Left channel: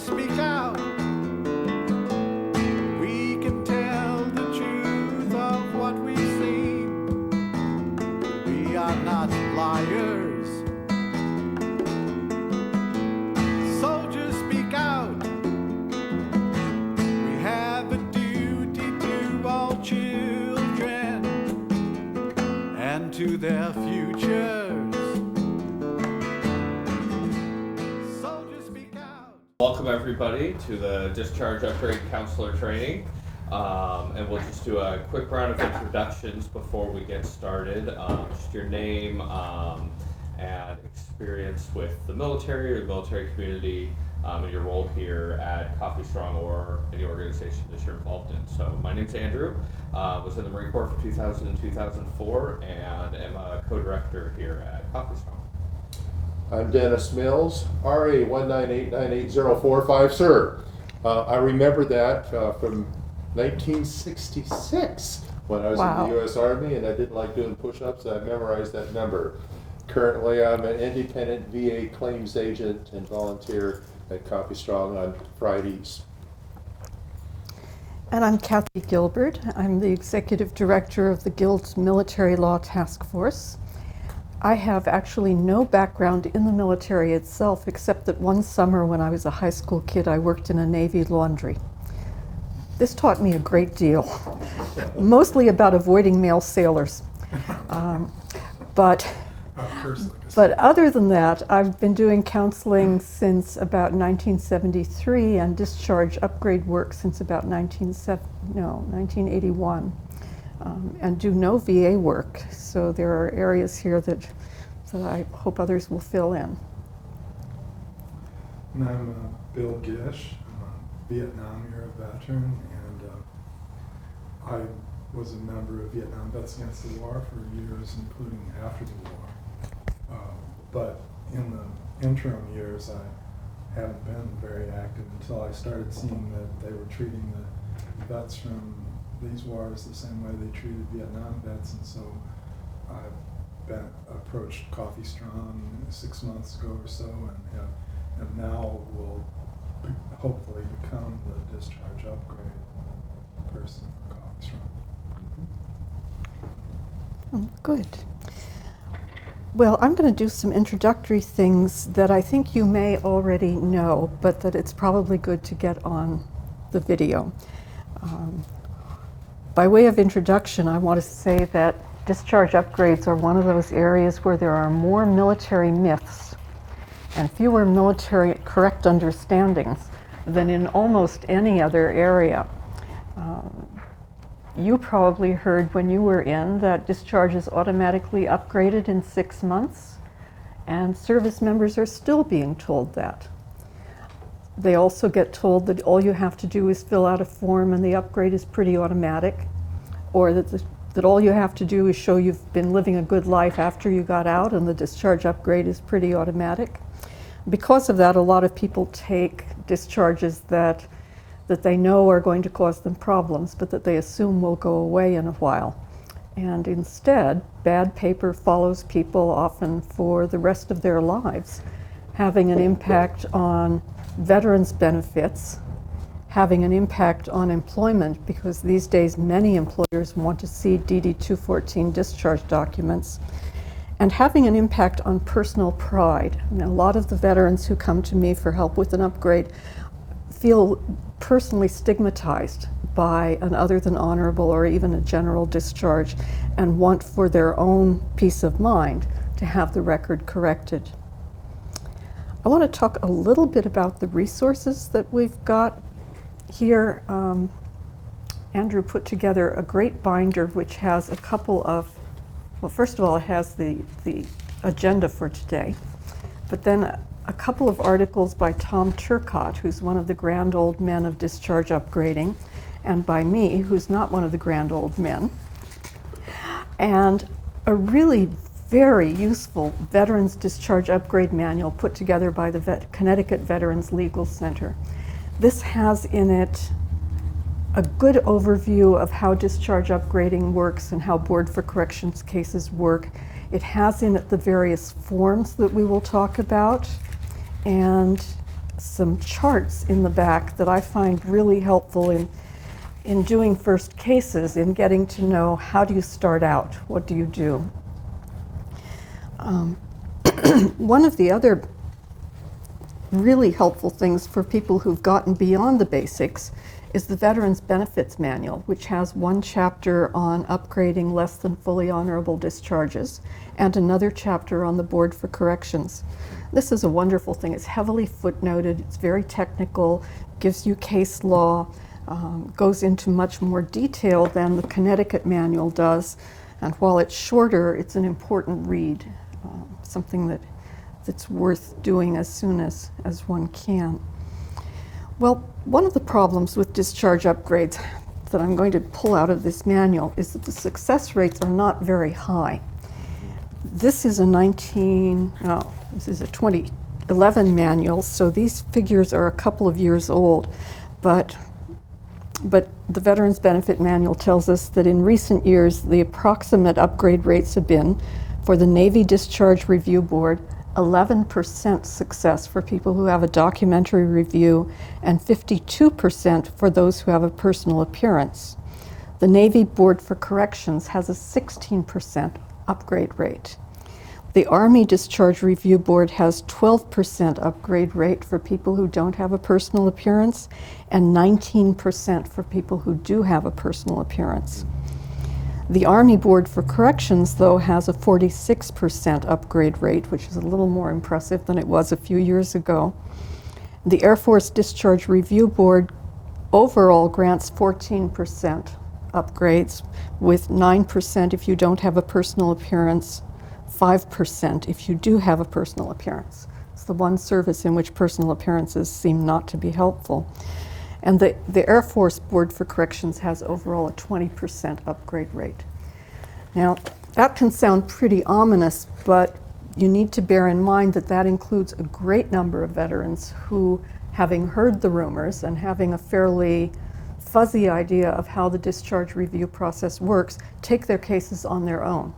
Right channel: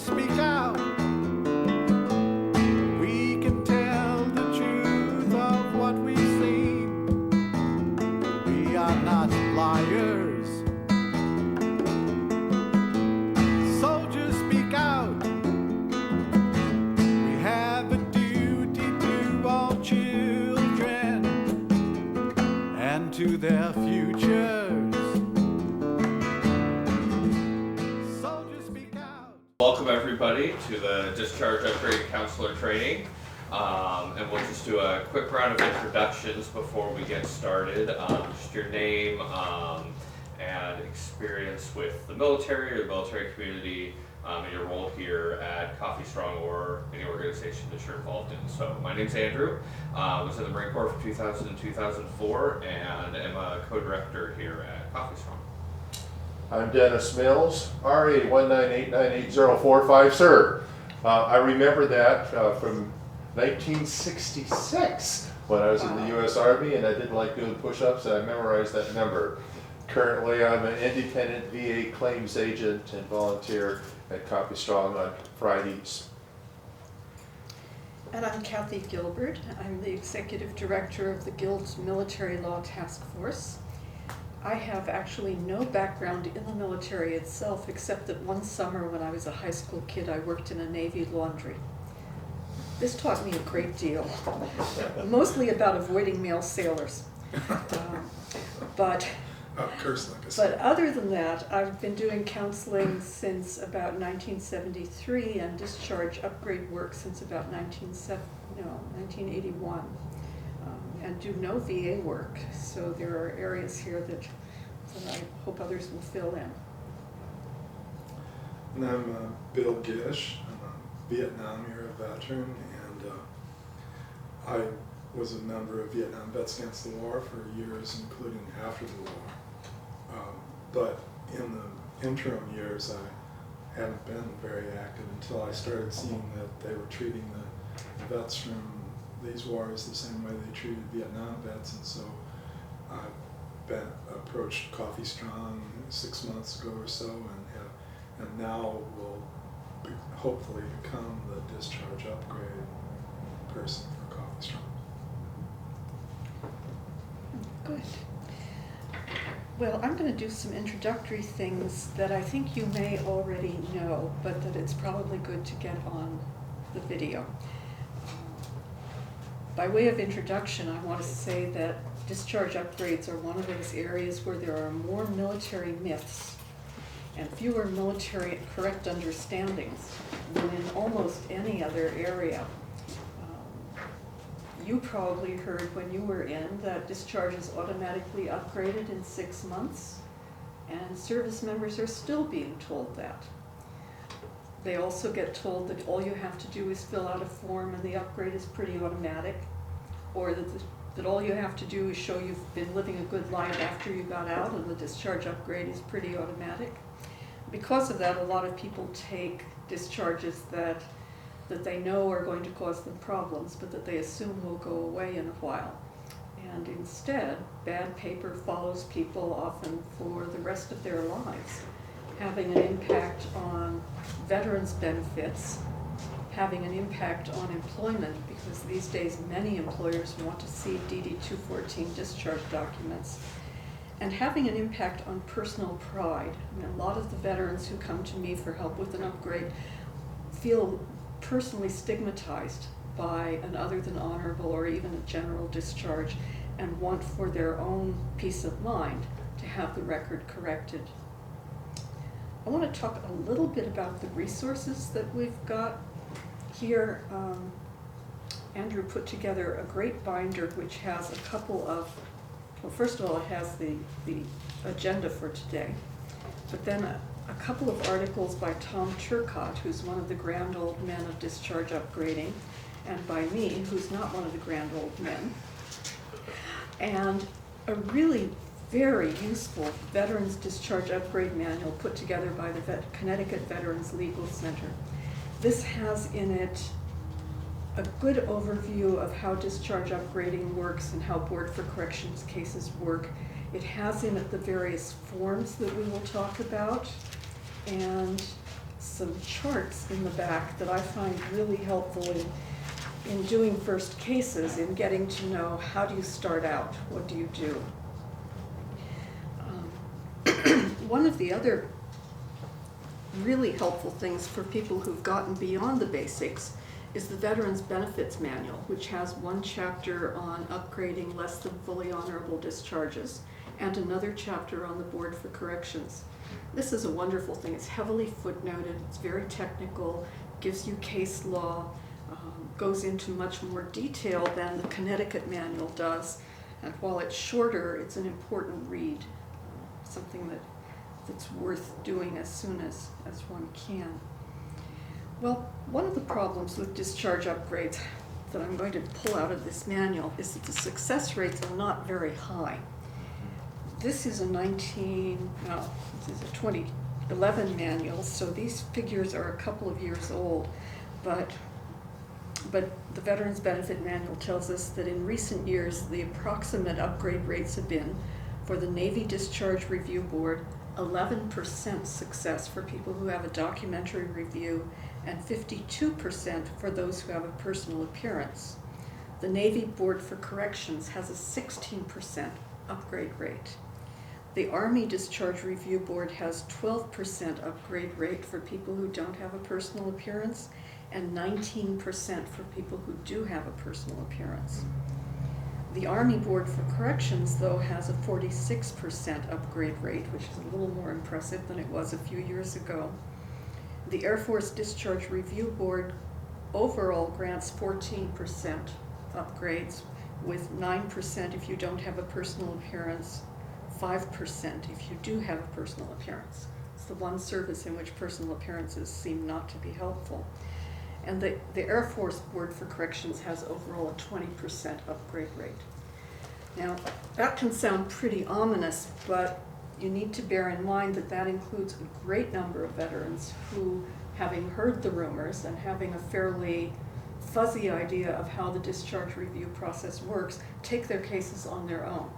Soldiers speak out. We can tell the truth of what we've seen. We are not liars. Soldiers speak out. We have a duty to all children and to their futures. Soldiers speak out. Welcome everybody to the Discharge Upgrade Counselor Training. And we'll just do a quick round of introductions before we get started. Just your name and experience with the military or the military community, and your role here at Coffee Strong or any organization that you're involved in. So my name's Andrew. Was in the Marine Corps from 2000 to 2004 and am a co-director here at Coffee Strong. I'm Dennis Mills, RA 1989845, sir. I remember that from 1966 when I was in the U.S. Army and I didn't like doing push-ups, and I memorized that number. Currently, I'm an independent VA claims agent and volunteer at Coffee Strong on Fridays. And I'm Kathy Gilberd. I'm the Executive Director of the Guild's Military Law Task Force. I have actually no background in the military itself, except that one summer when I was a high school kid, I worked in a Navy laundry. This taught me a great deal, mostly about avoiding male sailors. But other than that, I've been doing counseling since about 1973 and discharge upgrade work since about 1981. And do no VA work. So there are areas here that I hope others will fill in. And I'm Bill Gish. I'm a Vietnam era veteran, and I was a member of Vietnam Vets Against the War for years, including after the war. But in the interim years, I haven't been very active until I started seeing that they were treating the vets from these wars the same way they treated Vietnam vets, and so I approached Coffee Strong 6 months ago or so, and now will hopefully become the discharge upgrade person for Coffee Strong. Good. Well, I'm going to do some introductory things that I think you may already know, but that it's probably good to get on the video. By way of introduction, I want to say that discharge upgrades are one of those areas where there are more military myths and fewer military correct understandings than in almost any other area. You probably heard when you were in that discharge is automatically upgraded in 6 months, and service members are still being told that. They also get told that all you have to do is fill out a form and the upgrade is pretty automatic, or that all you have to do is show you've been living a good life after you got out and the discharge upgrade is pretty automatic. Because of that, a lot of people take discharges that they know are going to cause them problems, but that they assume will go away in a while. And instead, bad paper follows people often for the rest of their lives, having an impact on veterans' benefits, having an impact on employment, because these days many employers want to see DD-214 discharge documents, and having an impact on personal pride. And a lot of the veterans who come to me for help with an upgrade feel personally stigmatized by an other than honorable or even a general discharge, and want for their own peace of mind to have the record corrected. I want to talk a little bit about the resources that we've got here. Andrew put together a great binder which has a couple of, well, first of all, it has the agenda for today, but then a couple of articles by Tom Turcotte, who's one of the grand old men of discharge upgrading, and by me, who's not one of the grand old men, and a really very useful Veterans Discharge Upgrade Manual put together by the Connecticut Veterans Legal Center. This has in it a good overview of how discharge upgrading works and how Board for Corrections cases work. It has in it the various forms that we will talk about, and some charts in the back that I find really helpful in doing first cases, in getting to know how do you start out, what do you do. One of the other really helpful things for people who've gotten beyond the basics is the Veterans Benefits Manual, which has one chapter on upgrading less than fully honorable discharges and another chapter on the Board for Corrections. This is a wonderful thing. It's heavily footnoted, it's very technical, gives you case law, goes into much more detail than the Connecticut manual does, and while it's shorter, it's an important read, something that's worth doing as soon as one can. Well, one of the problems with discharge upgrades that I'm going to pull out of this manual is that the success rates are not very high. This is a 2011 manual, so these figures are a couple of years old, but the Veterans Benefit Manual tells us that in recent years, the approximate upgrade rates have been, for the Navy Discharge Review Board, 11% success for people who have a documentary review and 52% for those who have a personal appearance. The Navy Board for Corrections has a 16% upgrade rate. The Army Discharge Review Board has 12% upgrade rate for people who don't have a personal appearance and 19% for people who do have a personal appearance. The Army Board for Corrections, though, has a 46% upgrade rate, which is a little more impressive than it was a few years ago. The Air Force Discharge Review Board overall grants 14% upgrades, with 9% if you don't have a personal appearance, 5% if you do have a personal appearance. It's the one service in which personal appearances seem not to be helpful. And the Air Force Board for Corrections has overall a 20% upgrade rate. Now, that can sound pretty ominous, but you need to bear in mind that that includes a great number of veterans who, having heard the rumors and having a fairly fuzzy idea of how the discharge review process works, take their cases on their own.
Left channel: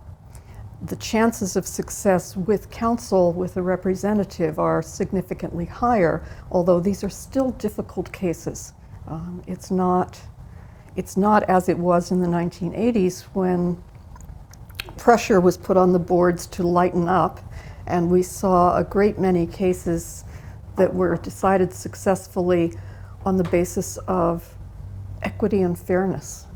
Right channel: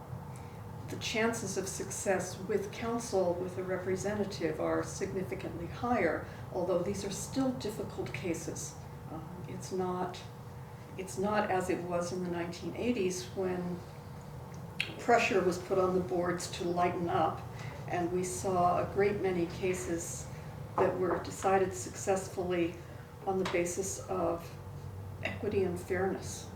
The chances of success with counsel, with a representative, are significantly higher, although these are still difficult cases. It's not as it was in the 1980s when pressure was put on the boards to lighten up, and we saw a great many cases that were decided successfully on the basis of equity and fairness.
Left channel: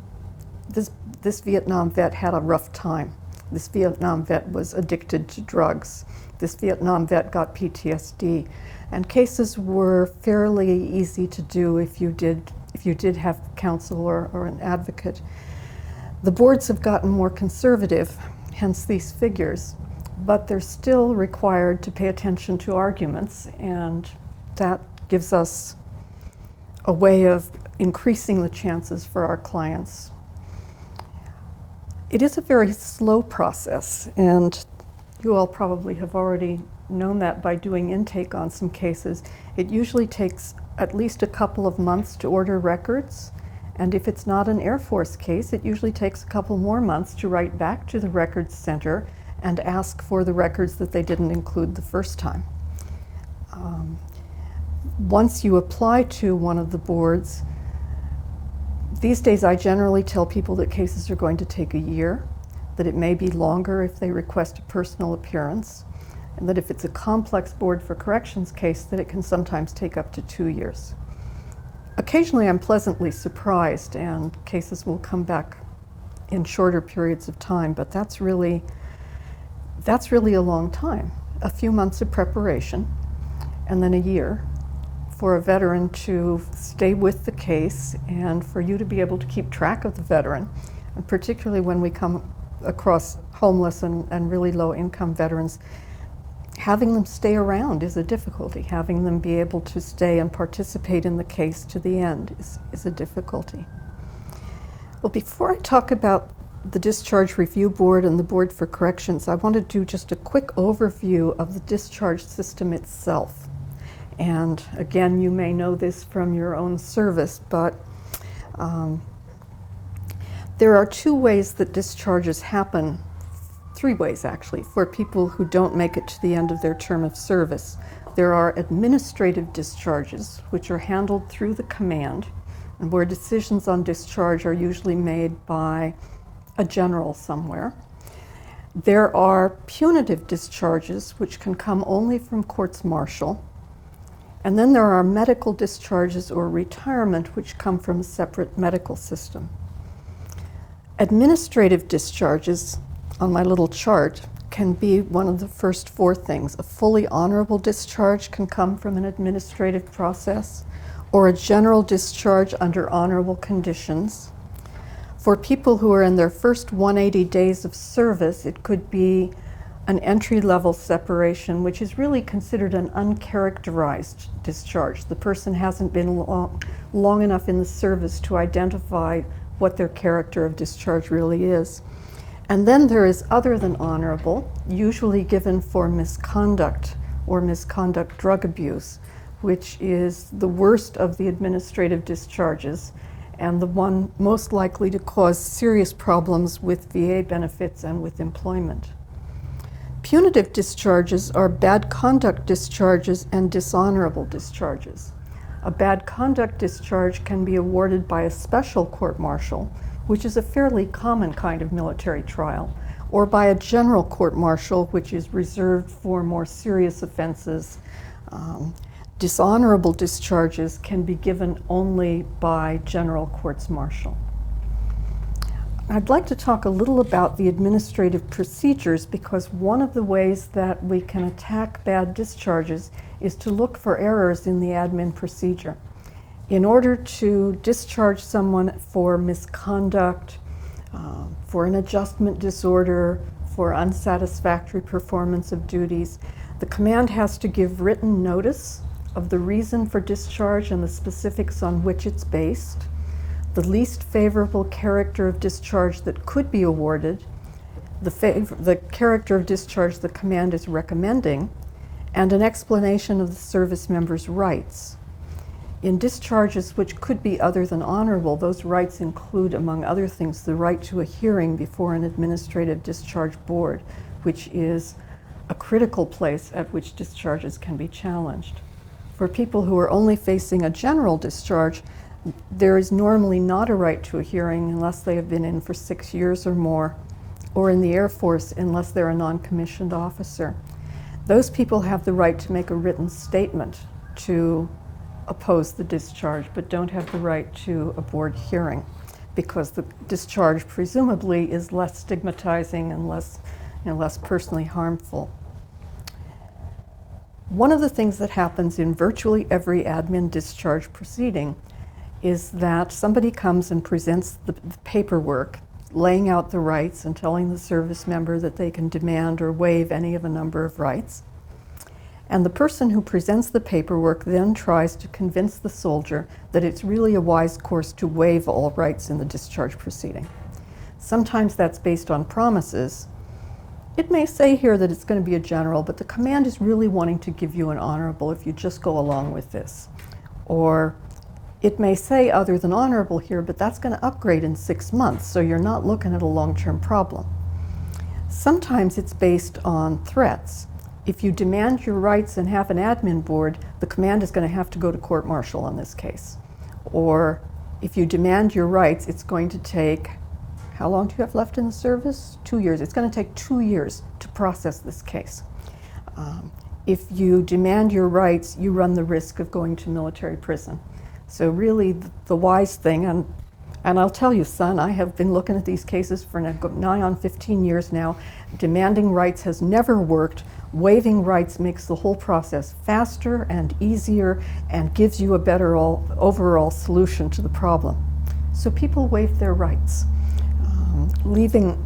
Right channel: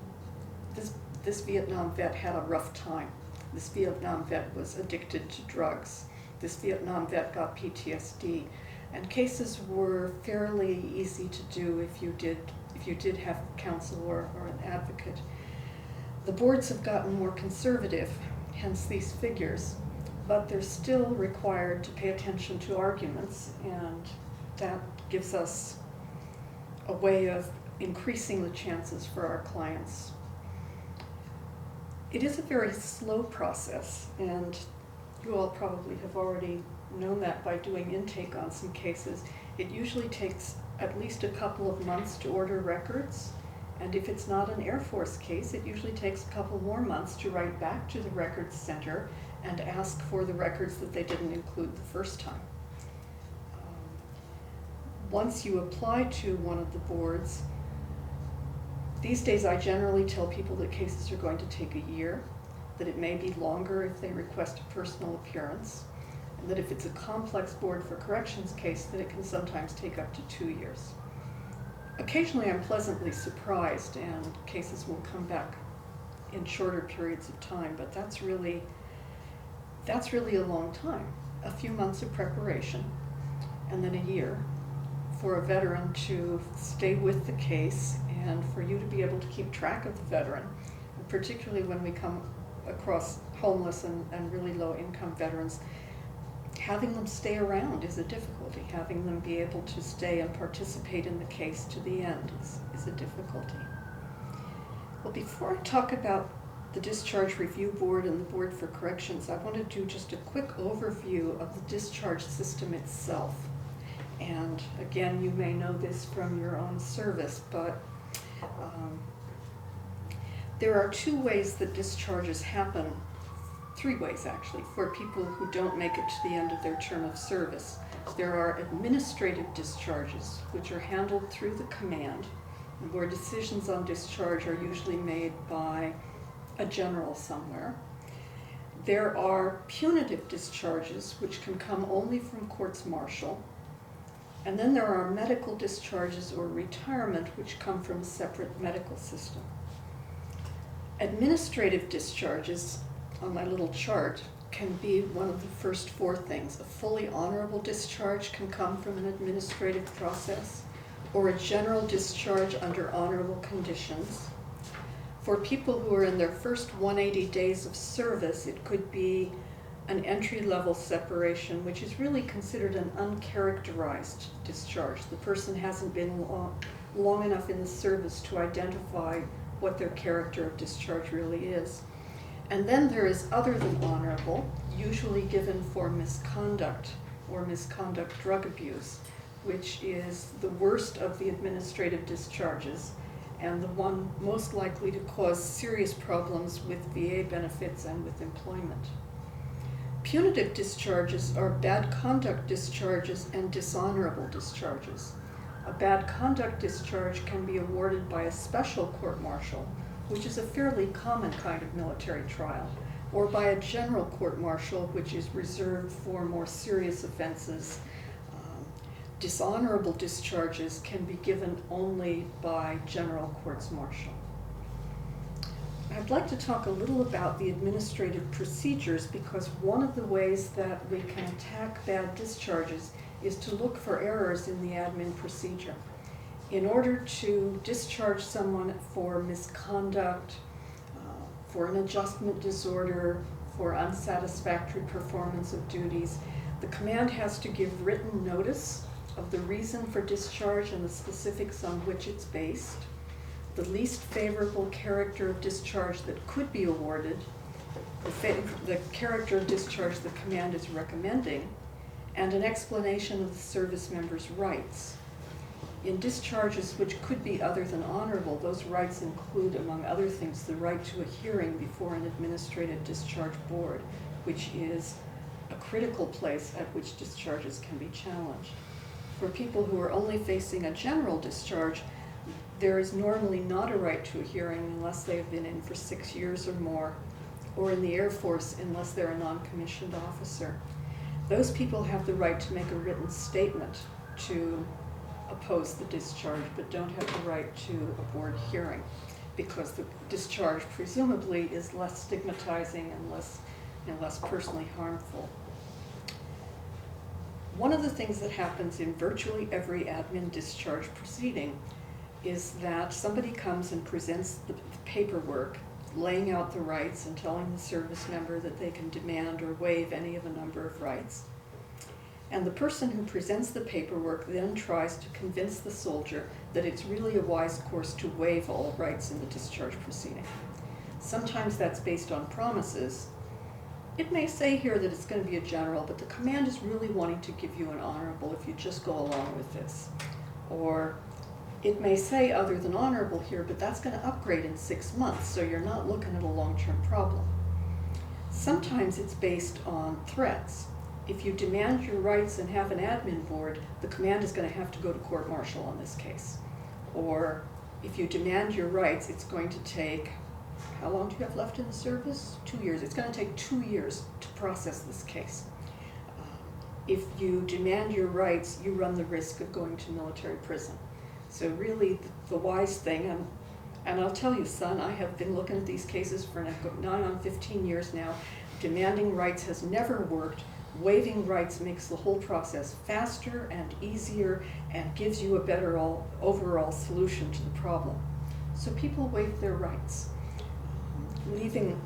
This Vietnam vet had a rough time. This Vietnam vet was addicted to drugs. This Vietnam vet got PTSD. And cases were fairly easy to do if you did have counsel or an advocate. The boards have gotten more conservative, hence these figures, but they're still required to pay attention to arguments, and that gives us a way of increasing the chances for our clients. It is a very slow process, and you all probably have already known that by doing intake on some cases. It usually takes at least a couple of months to order records, and if it's not an Air Force case, it usually takes a couple more months to write back to the Records Center and ask for the records that they didn't include the first time. Once you apply to one of the boards, these days I generally tell people that cases are going to take a year, that it may be longer if they request a personal appearance, and that if it's a complex Board for Corrections case, that it can sometimes take up to 2 years. Occasionally I'm pleasantly surprised and cases will come back in shorter periods of time, but that's really a long time. A few months of preparation and then a year for a veteran to stay with the case and for you to be able to keep track of the veteran, and particularly when we come across homeless and really low income veterans, having them stay around is a difficulty. Having them be able to stay and participate in the case to the end is a difficulty. Well, before I talk about the Discharge Review Board and the Board for Corrections, I want to do just a quick overview of the discharge system itself. And again, you may know this from your own service, but there are 2 ways that discharges happen, 3 ways actually, for people who don't make it to the end of their term of service. There are administrative discharges, which are handled through the command, and where decisions on discharge are usually made by a general somewhere. There are punitive discharges, which can come only from courts martial. And then there are medical discharges or retirement, which come from a separate medical system. Administrative discharges, on my little chart, can be one of the first four things. A fully honorable discharge can come from an administrative process, or a general discharge under honorable conditions. For people who are in their first 180 days of service, it could be an entry-level separation, which is really considered an uncharacterized discharge. The person hasn't been long enough in the service to identify what their character of discharge really is. And then there is other than honorable, usually given for misconduct or misconduct drug abuse, which is the worst of the administrative discharges and the one most likely to cause serious problems with VA benefits and with employment. Punitive discharges are bad conduct discharges and dishonorable discharges. A bad conduct discharge can be awarded by a special court-martial, which is a fairly common kind of military trial, or by a general court-martial, which is reserved for more serious offenses. Dishonorable discharges can be given only by general courts-martial. I'd like to talk a little about the administrative procedures, because one of the ways that we can attack bad discharges is to look for errors in the admin procedure. In order to discharge someone for misconduct, for an adjustment disorder, for unsatisfactory performance of duties, the command has to give written notice of the reason for discharge and the specifics on which it's based, the least favorable character of discharge that could be awarded, the character of discharge the command is recommending, and an explanation of the service member's rights. In discharges which could be other than honorable, those rights include, among other things, the right to a hearing before an administrative discharge board, which is a critical place at which discharges can be challenged. For people who are only facing a general discharge, there is normally not a right to a hearing unless they have been in for 6 years or more, or in the Air Force unless they're a non-commissioned officer. Those people have the right to make a written statement to oppose the discharge, but don't have the right to a board hearing, because the discharge presumably is less stigmatizing and less personally harmful. One of the things that happens in virtually every admin discharge proceeding is that somebody comes and presents the paperwork, laying out the rights and telling the service member that they can demand or waive any of a number of rights. And the person who presents the paperwork then tries to convince the soldier that it's really a wise course to waive all rights in the discharge proceeding. Sometimes that's based on promises. It may say here that it's going to be a general, but the command is really wanting to give you an honorable if you just go along with this. Or it may say other than honorable here, but that's going to upgrade in 6 months, so you're not looking at a long-term problem. Sometimes it's based on threats. If you demand your rights and have an admin board, the command is going to have to go to court-martial on this case. Or if you demand your rights, it's going to take, how long do you have left in the service? 2 years. It's going to take 2 years to process this case. If you demand your rights, you run the risk of going to military prison. So really the wise thing, and I'll tell you, son, I have been looking at these cases for nigh on 15 years now. Demanding rights has never worked. Waiving rights makes the whole process faster and easier and gives you a better overall solution to the problem. So people waive their rights, leaving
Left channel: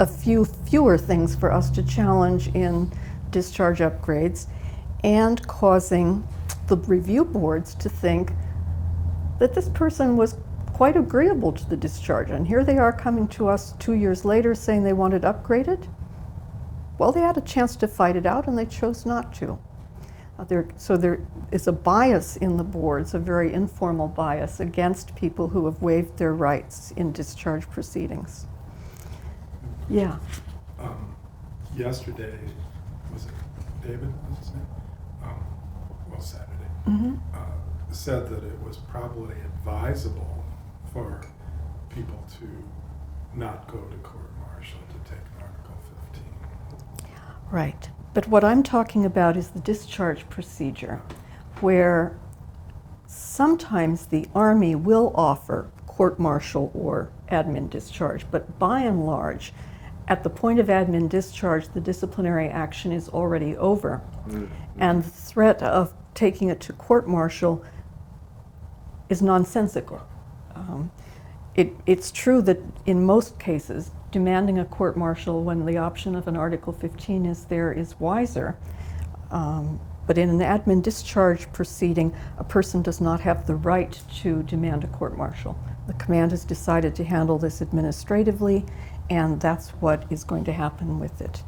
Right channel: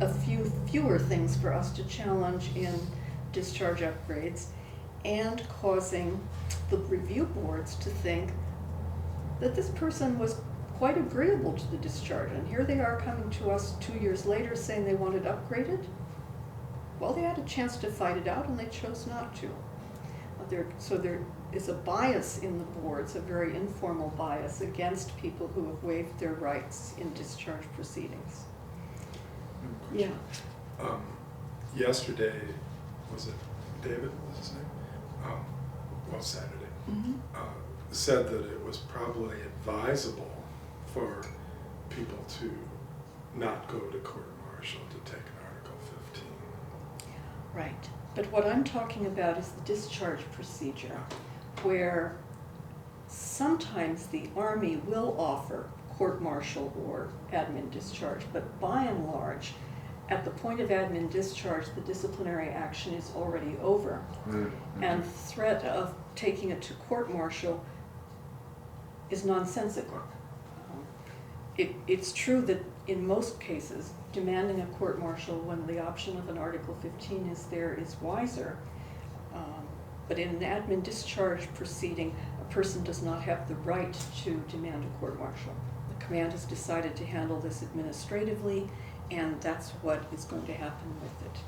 a fewer things for us to challenge in discharge upgrades, and causing the review boards to think that this person was quite agreeable to the discharge, and here they are coming to us 2 years later saying they want it upgraded. Well, they had a chance to fight it out and they chose not to. So there is a bias in the boards, a very informal bias against people who have waived their rights in discharge proceedings. Yeah. Yesterday, was it David was his name, Saturday, Mm-hmm. said that it was probably advisable for people to not go to court-martial to take an Article 15. Right. But what I'm talking about is the discharge procedure, where sometimes the Army will offer court-martial or admin discharge, but by and large, at the point of admin discharge, the disciplinary action is already over, and the threat of taking it to court-martial is nonsensical. It's true that in most cases, demanding a court-martial when the option of an Article 15 is there is wiser. But in an admin discharge proceeding, a person does not have the right to demand a court-martial. The command has decided to handle this administratively, and that's what is going to happen with it.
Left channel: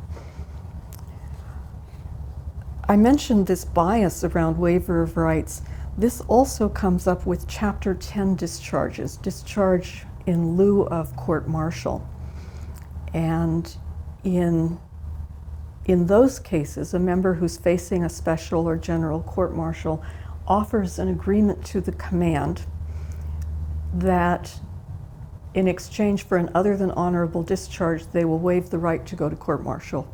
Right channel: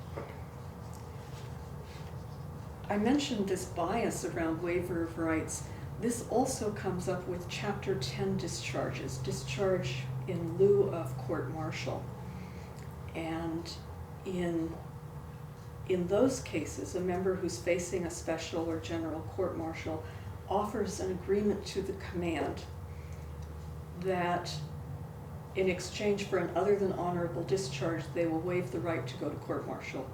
I mentioned this bias around waiver of rights. This also comes up with Chapter 10 discharges, discharge in lieu of court-martial. And in those cases, a member who's facing a special or general court-martial offers an agreement to the command that in exchange for an other than honorable discharge, they will waive the right to go to court-martial.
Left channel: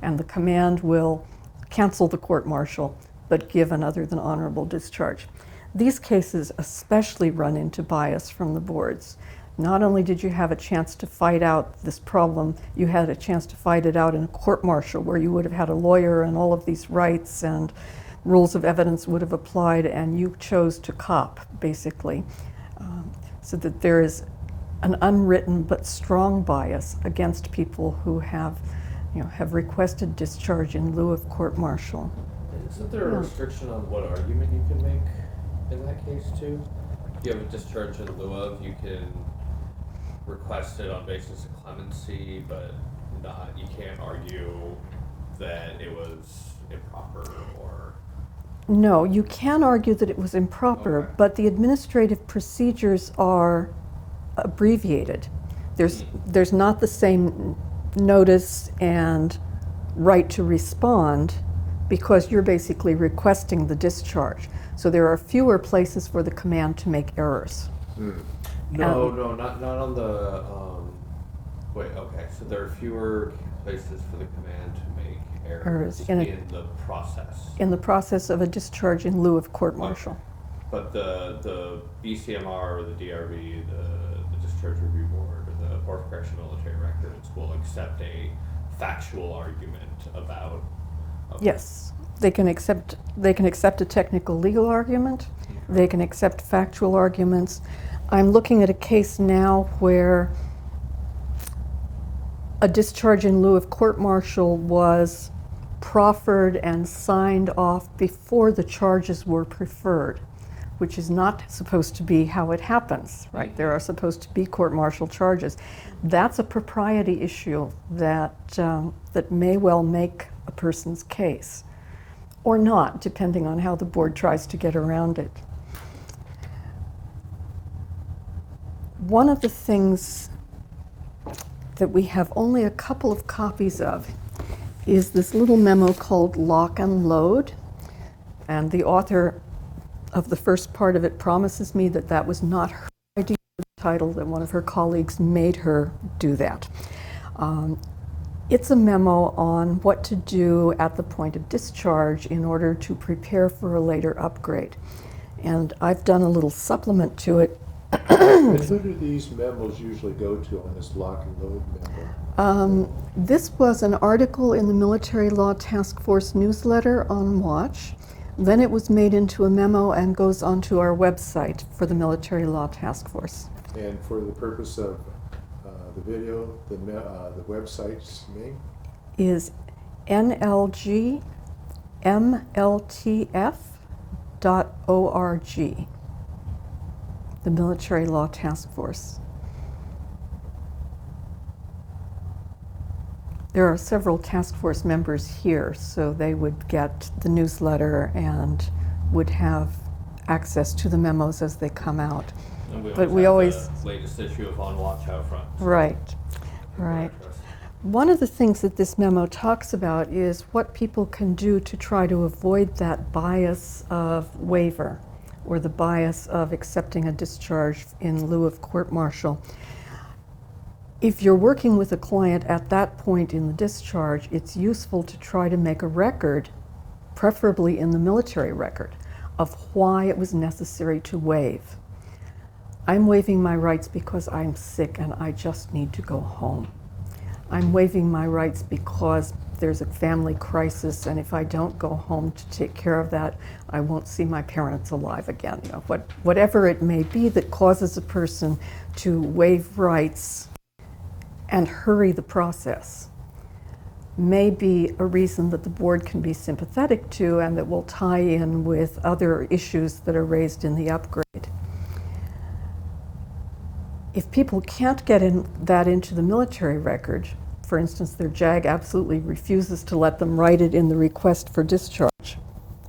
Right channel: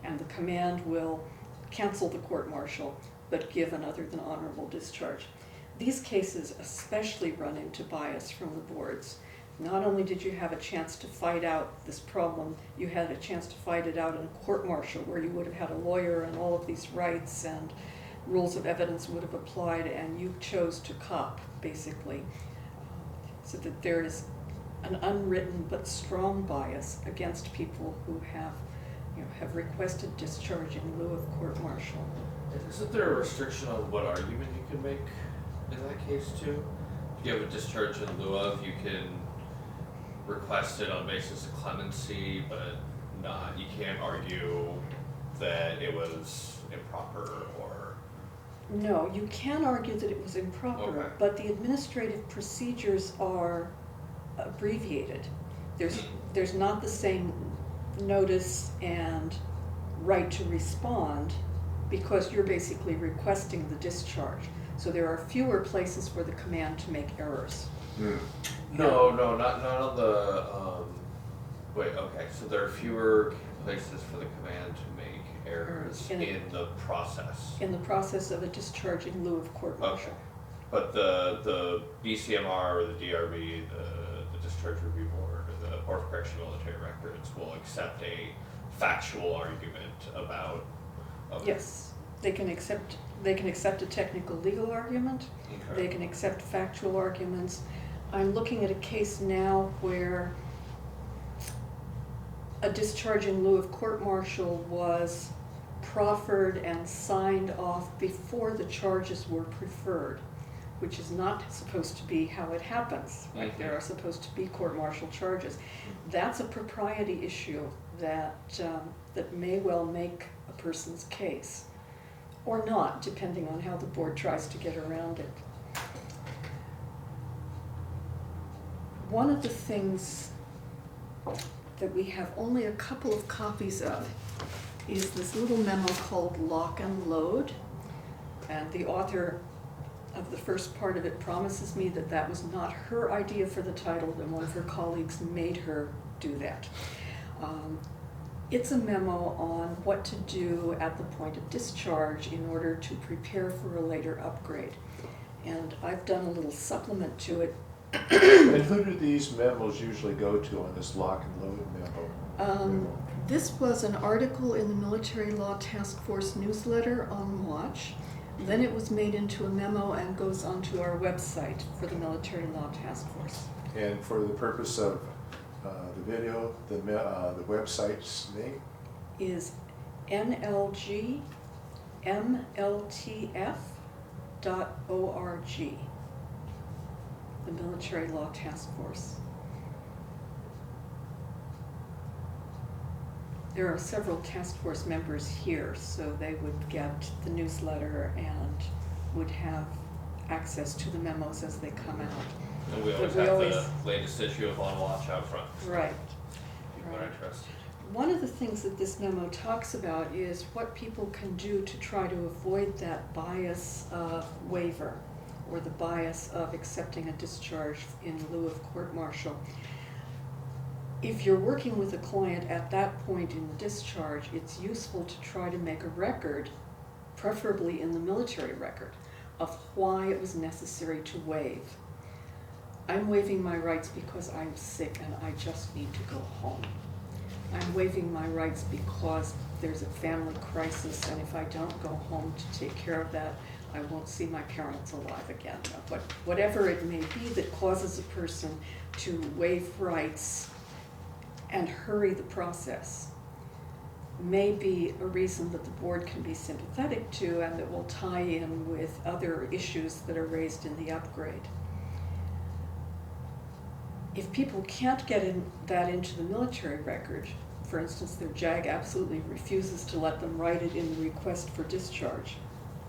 And the command will cancel the court-martial, but give an other than honorable discharge. These cases especially run into bias from the boards. Not only did you have a chance to fight out this problem, you had a chance to fight it out in a court-martial where you would have had a lawyer and all of these rights and rules of evidence would have applied, and you chose to cop, basically. So that there is an unwritten but strong bias against people who have requested discharge in lieu of court-martial. Isn't there a restriction on what argument you can make in that case too? If you have a discharge in lieu of, you can request it on basis of clemency, but you can't argue that it was improper or... No, you can argue that it was improper, Okay. but the administrative procedures are abbreviated. There's not the same notice and right to respond because you're basically requesting the discharge. So there are fewer places for the command to make errors. No, not on the, wait, okay, so there are fewer places for the command to make errors in in the process. In the process of a discharge in lieu of court-martial. Okay. But the BCMR or the DRB, the Discharge Review Board, or the Board of Correctional Military Records will accept a factual argument about... Yes, they can accept a technical legal argument. Okay. They can accept factual arguments. I'm looking at a case now where a discharge in lieu of court-martial was proffered and signed off before the charges were preferred, which is not supposed to be how it happens, right? There are supposed to be court-martial charges. That's a propriety issue that may well make a person's case, or not, depending on how the board tries to get around it. One of the things that we have only a couple of copies of is this little memo called Lock and Load, and the author of the first part of it promises me that that was not her idea for the title, that one of her colleagues made her do that. It's a memo on what to do at the point of discharge in order to prepare for a later upgrade. And I've done a little supplement to it. And who do these memos usually go to on this lock and load memo? This was an article in the Military Law Task Force newsletter on Watch. Then it was made into a memo and goes onto our website for the Military Law Task Force. And for the purpose of the video, the website's name? Is nlgmltf.org, the Military Law Task Force. There are several task force members here, so they would get the newsletter and would have access to the memos as they come out. And But we always have the latest issue of On Watch out front. Right, People are right. interested. One of the things that this memo talks about is what people can do to try to avoid that bias of waiver or the bias of accepting a discharge in lieu of court-martial. If you're working with a client at that point in the discharge, it's useful to try to make a record, preferably in the military record, of why it was necessary to waive. I'm waiving my rights because I'm sick and I just need to go home. I'm waiving my rights because there's a family crisis, and if I don't go home to take care of that, I won't see my parents alive again. You know, whatever it may be that causes a person to waive rights and hurry the process may be a reason that the board can be sympathetic to and that will tie in with other issues that are raised in the upgrade. If people can't get that into the military record, for instance, their JAG absolutely refuses to let them write it in the request for discharge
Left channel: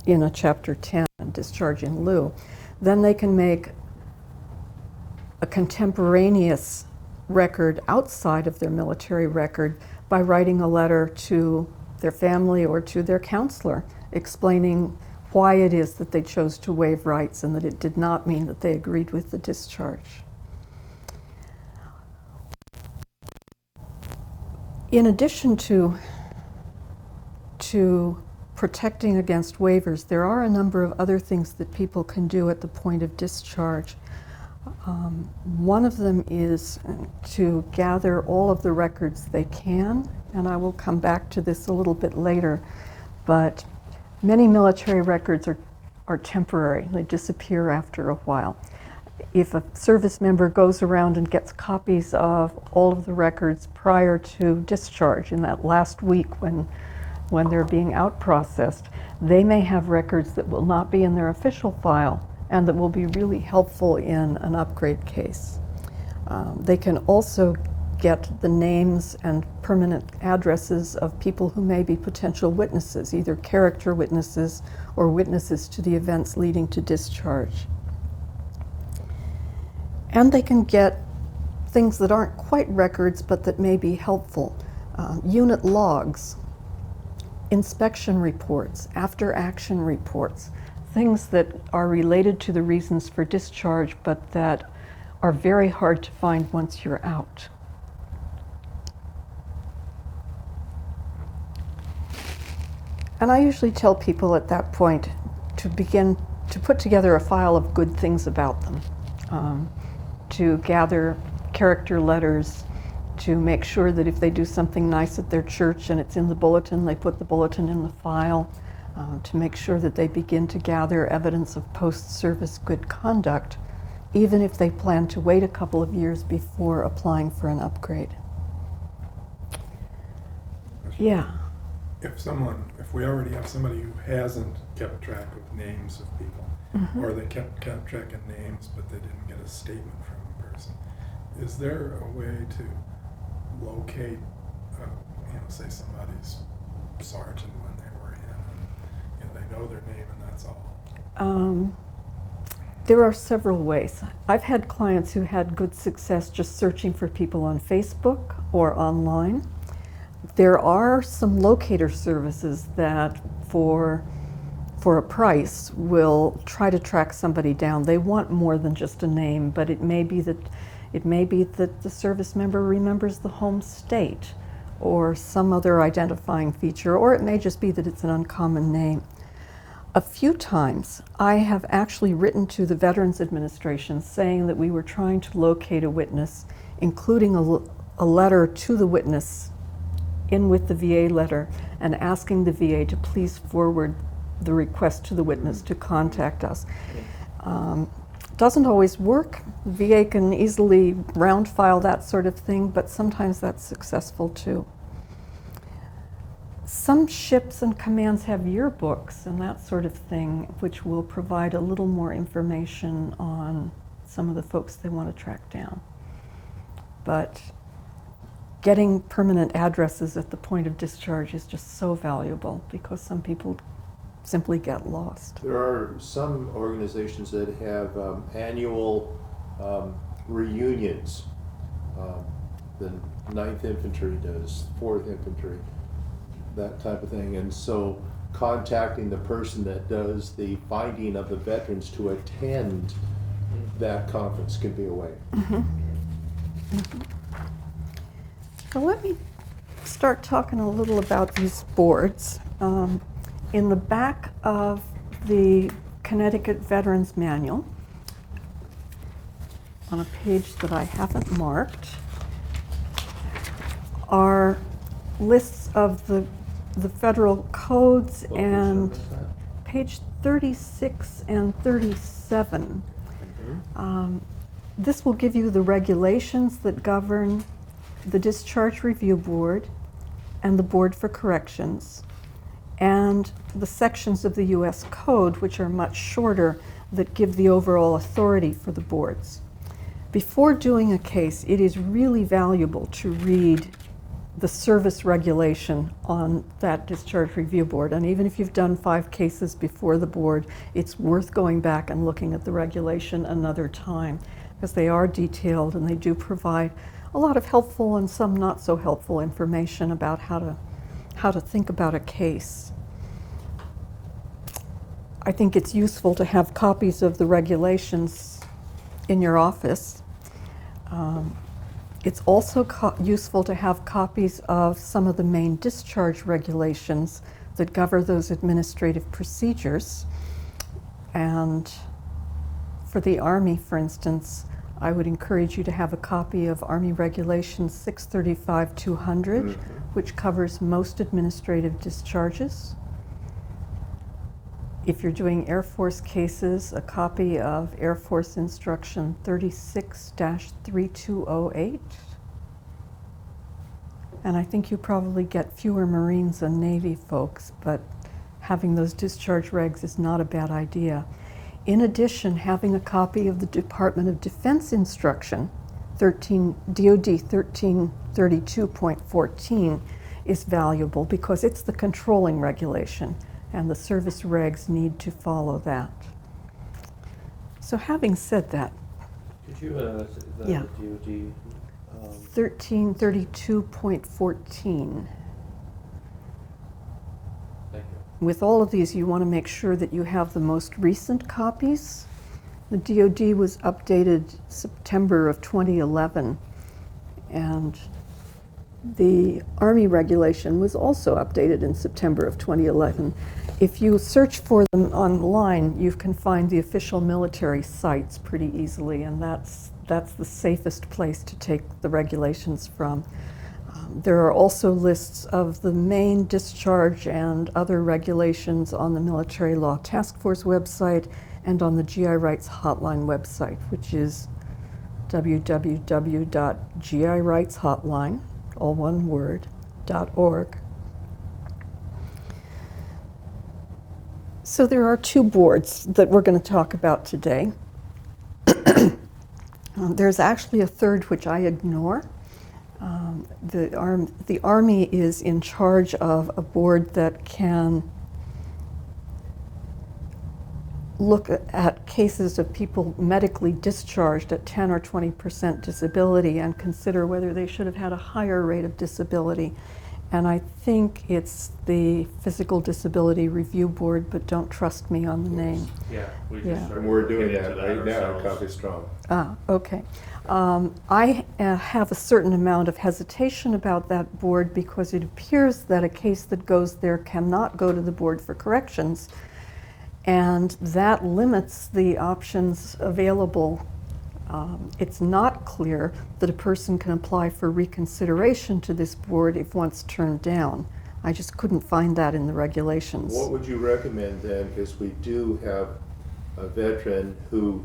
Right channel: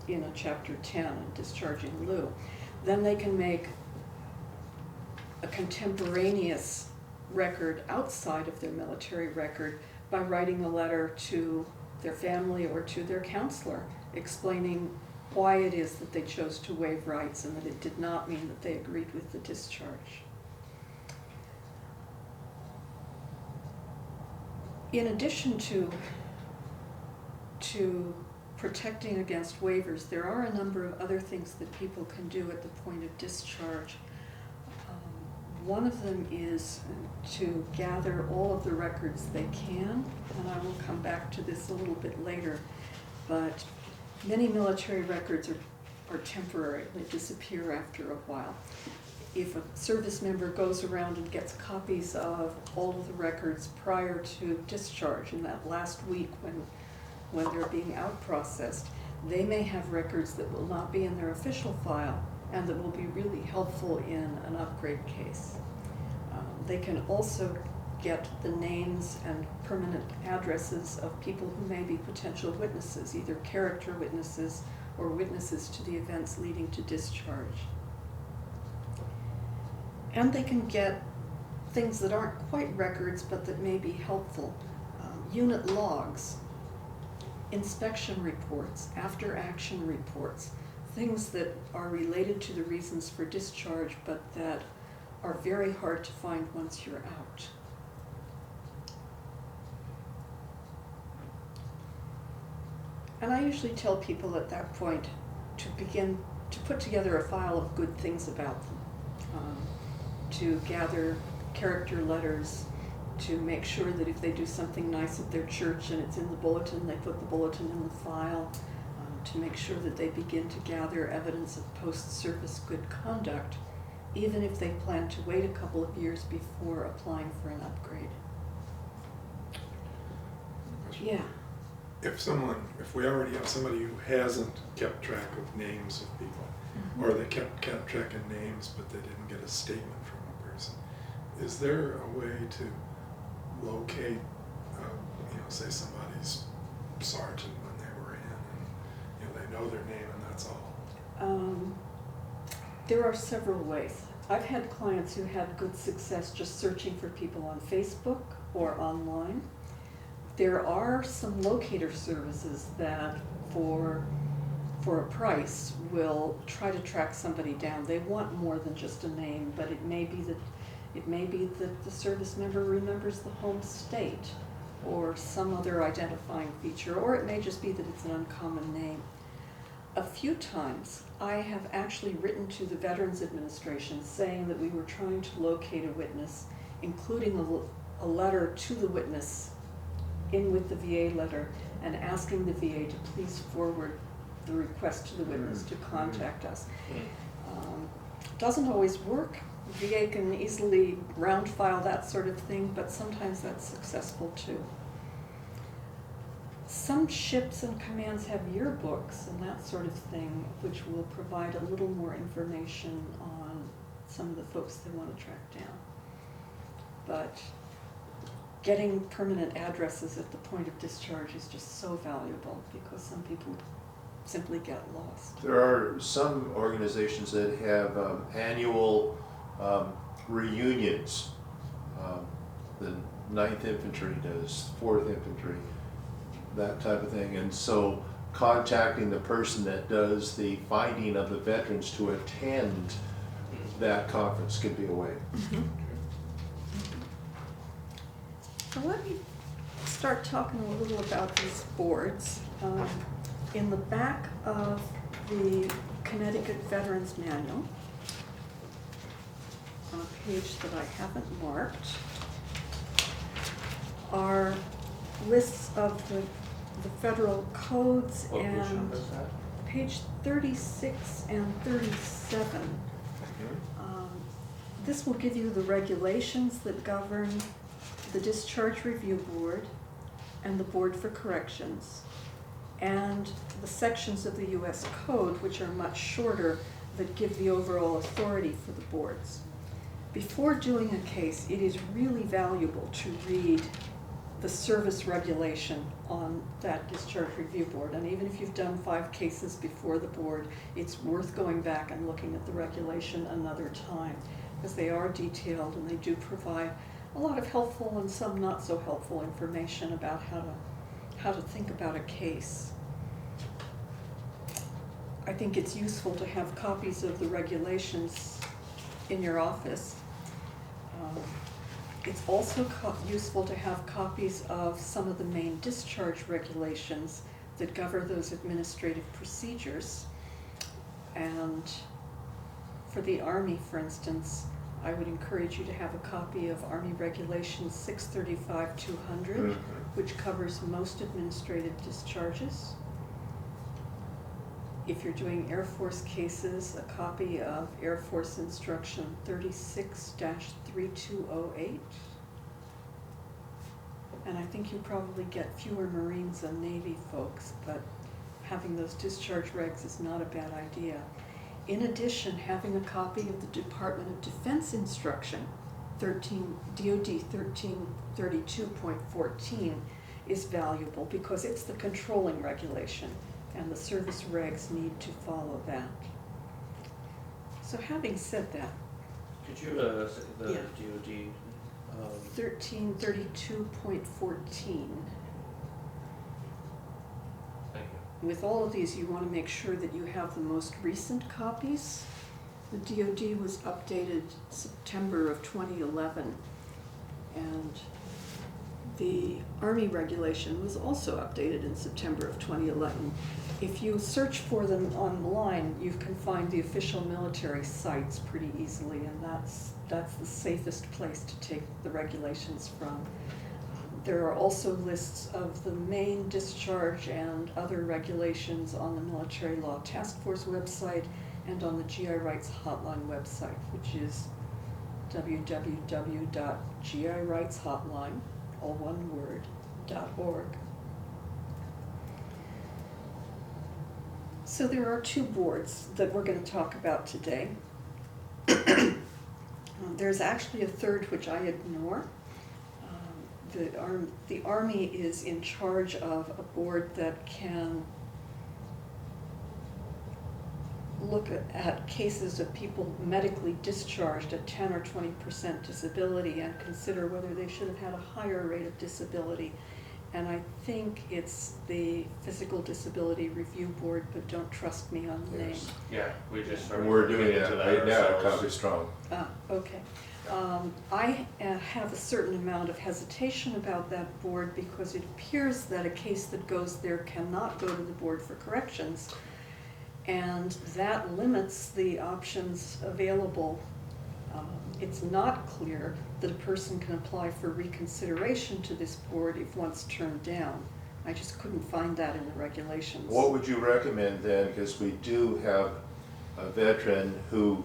in a Chapter 10, discharge in lieu, then they can make a contemporaneous record outside of their military record by writing a letter to their family or to their counselor explaining why it is that they chose to waive rights and that it did not mean that they agreed with the discharge. In addition to protecting against waivers, there are a number of other things that people can do at the point of discharge. One of them is to gather all of the records they can, and I will come back to this a little bit later, but many military records are temporary. They disappear after a while. If a service member goes around and gets copies of all of the records prior to discharge in that last week when they're being out processed, they may have records that will not be in their official file and that will be really helpful in an upgrade case. They can also get the names and permanent addresses of people who may be potential witnesses, either character witnesses or witnesses to the events leading to discharge. And they can get things that aren't quite records but that may be helpful. Unit logs, inspection reports, after-action reports, things that are related to the reasons for discharge but that are very hard to find once you're out. And I usually tell people at that point to begin to put together a file of good things about them. To gather character letters, to make sure that if they do something nice at their church and it's in the bulletin, they put the bulletin in the file, to make sure that they begin to gather evidence of post-service good conduct, even if they plan to wait a couple of years before applying for an upgrade. Yeah. If we already have somebody who hasn't kept track of names of people, Mm-hmm. or they kept track of names but they didn't get a statement from a person, is there a way to locate, say somebody's sergeant when they were in, and they know their name and that's all? There are several ways. I've had clients who had good success just searching for people on Facebook or online. There are some locator services that for a price will try to track somebody down. They want more than just a name, but it may be that the service member remembers the home state or some other identifying feature, or it may just be that it's an uncommon name. A few times I have actually written to the Veterans Administration saying that we were trying to locate a witness, including a letter to the witness in with the VA letter, and asking the VA to please forward the request to the witness to contact us. Doesn't always work. VA can easily round file that sort of thing, but sometimes that's successful too. Some ships and commands have yearbooks and that sort of thing, which will provide a little more information on some of the folks they want to track down. But getting permanent addresses at the point of discharge is just so valuable because some people simply get lost. There are some organizations that have annual reunions the 9th Infantry does, 4th Infantry, that type of thing. And so contacting the person that does the finding of the veterans to attend that conference can be a way. So let me start talking a little about these boards. In the back of the Connecticut Veterans Manual, on a page that I haven't marked, are lists of the federal codes, and page 36 and 37. This will give you the regulations that govern the Discharge Review Board and the Board for Corrections, and the sections of the U.S. Code, which are much shorter, that give the overall authority for the boards. Before doing a case, it is really valuable to read the service regulation on that Discharge Review Board. And even if you've done 5 cases before the board, it's worth going back and looking at the regulation another time, because they are detailed and they do provide a lot of helpful and some not so helpful information about how to think about a case. I think it's useful to have copies of the regulations in your office. It's also useful to have copies of some of the main discharge regulations that govern those administrative procedures. And for the Army, for instance, I would encourage you to have a copy of Army Regulation 635-200, which covers most administrative discharges. If you're doing Air Force cases, a copy of Air Force Instruction 36-3208. And I think you probably get fewer Marines than Navy folks, but having those discharge regs is not a bad idea. In addition, having a copy of the Department of Defense Instruction, DOD 1332.14, is valuable because it's the controlling regulation, and the service regs need to follow that. So having said that, Could you say the Yeah. DOD? 1332.14. Thank you. With all of these, you want to make sure that you have the most recent copies. The DOD was updated September of 2011, and the Army regulation was also updated in September of 2011. If you search for them online, you can find the official military sites pretty easily, and that's the safest place to take the regulations from. There are also lists of the main discharge and other regulations on the Military Law Task Force website and on the GI Rights Hotline website, which is www.girightshotline, all one word, .org. So there are 2 boards that we're going to talk about today. There's actually a third which I ignore. The Army is in charge of a board that can look at cases of people medically discharged at 10 or 20% disability and consider whether they should have had a higher rate of disability. And I think it's the Physical Disability Review Board, but don't trust me on the name. Yeah, we Yeah. just started. And we're doing looking that into right now at ourselves. Copy Strong. Ah, okay. I have a certain amount of hesitation about that board because it appears that a case that goes there cannot go to the Board for Corrections, and that limits the options available. It's not clear that a person can apply for reconsideration to this board if once turned down. I just couldn't find that in the regulations. What would you recommend then, because we do have a veteran who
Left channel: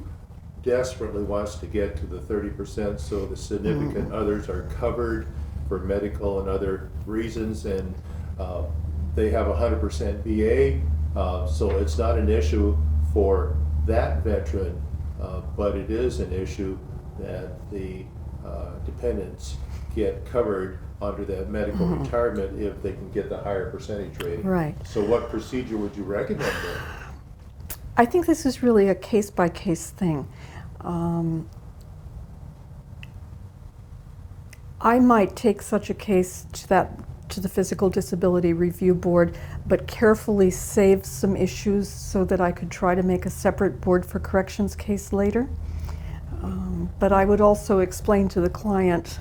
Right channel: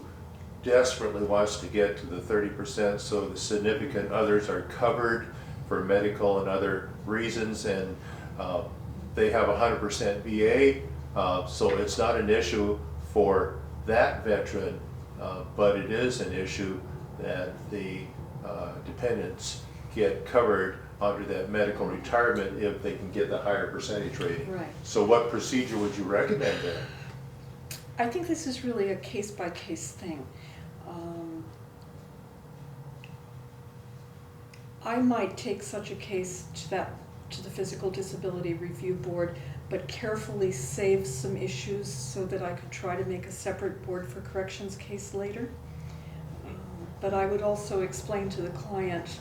desperately wants to get to the 30%, so the significant others are covered for medical and other reasons, and they have 100% VA, so it's not an issue for that veteran, but it is an issue that the dependents get covered under that medical retirement if they can get the higher percentage rating. Right. So what procedure would you recommend then? I think this is really a case-by-case thing. I might take such a case to the Physical Disability Review Board, but carefully save some issues so that I could try to make a separate Board for Corrections case later. But I would also explain to the client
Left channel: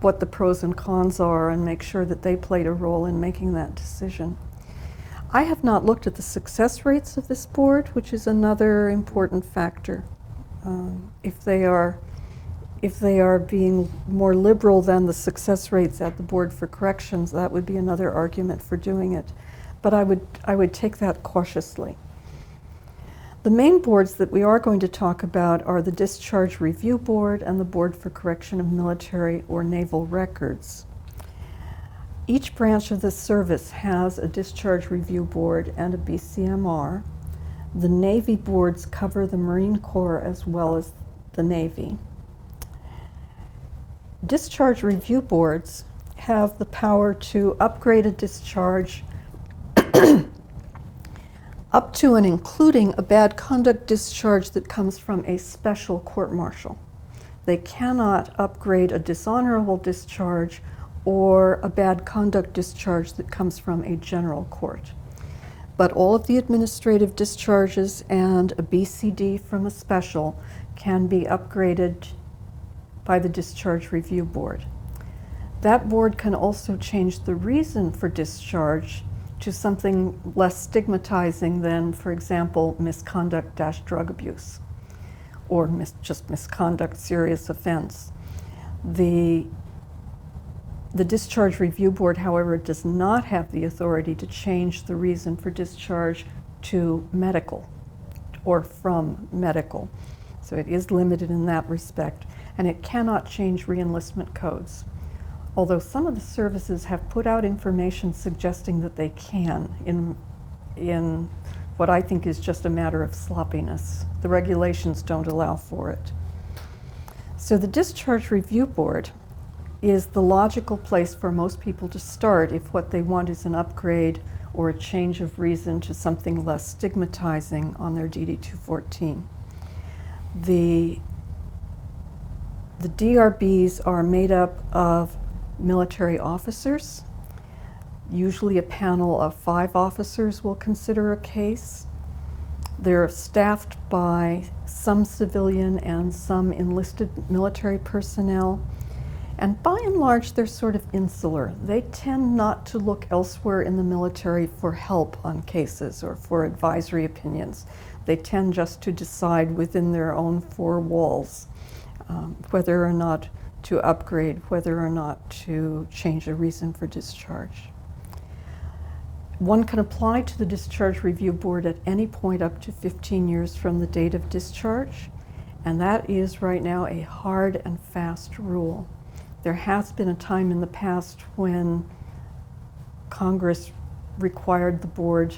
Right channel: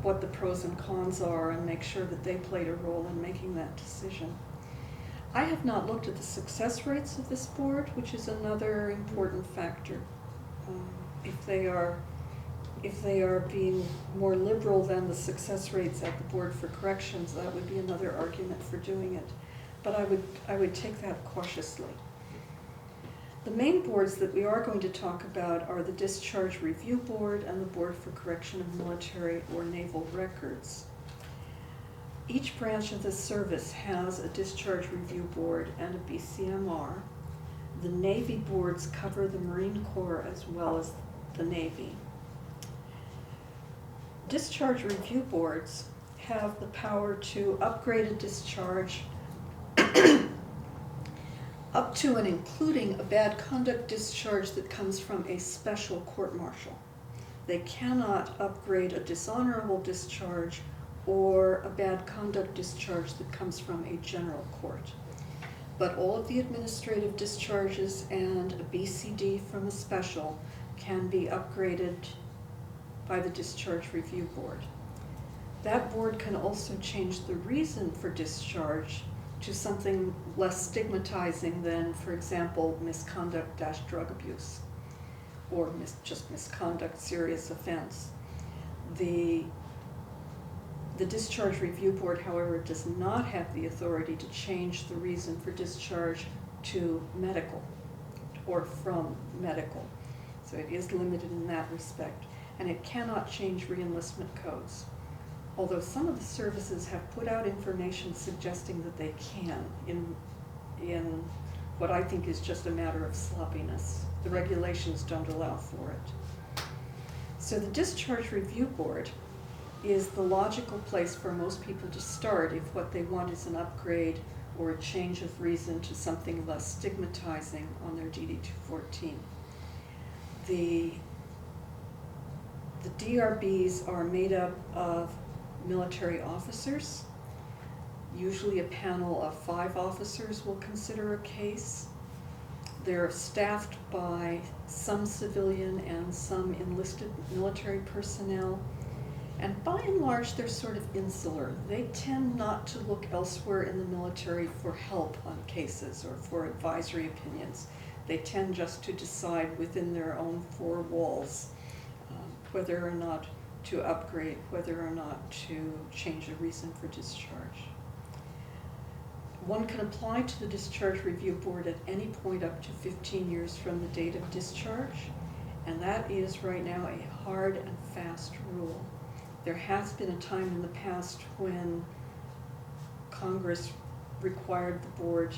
what the pros and cons are and make sure that they played a role in making that decision. I have not looked at the success rates of this board, which is another important factor. If they are being more liberal than the success rates at the Board for Corrections, that would be another argument for doing it. But I would take that cautiously. The main boards that we are going to talk about are the Discharge Review Board and the Board for Correction of Military or Naval Records. Each branch of the service has a Discharge Review Board and a BCMR. The Navy boards cover the Marine Corps as well as the Navy. Discharge Review Boards have the power to upgrade a discharge up to and including a bad conduct discharge that comes from a special court-martial. They cannot upgrade a dishonorable discharge or a bad conduct discharge that comes from a general court. But all of the administrative discharges and a BCD from a special can be upgraded by the Discharge Review Board. That board can also change the reason for discharge to something less stigmatizing than, for example, misconduct-drug abuse, or just misconduct, serious offense. The Discharge Review Board, however, does not have the authority to change the reason for discharge to medical or from medical. So it is limited in that respect, and it cannot change reenlistment codes. Although some of the services have put out information suggesting that they can in what I think is just a matter of sloppiness. The regulations don't allow for it. So the Discharge Review Board is the logical place for most people to start if what they want is an upgrade or a change of reason to something less stigmatizing on their DD-214. The DRBs are made up of military officers. Usually a panel of 5 officers will consider a case. They're staffed by some civilian and some enlisted military personnel. And by and large, they're sort of insular. They tend not to look elsewhere in the military for help on cases or for advisory opinions. They tend just to decide within their own 4 walls whether or not to upgrade, whether or not to change a reason for discharge. One can apply to the Discharge Review Board at any point up to 15 years from the date of discharge, and that is right now a hard and fast rule. There has been a time in the past when Congress required the board,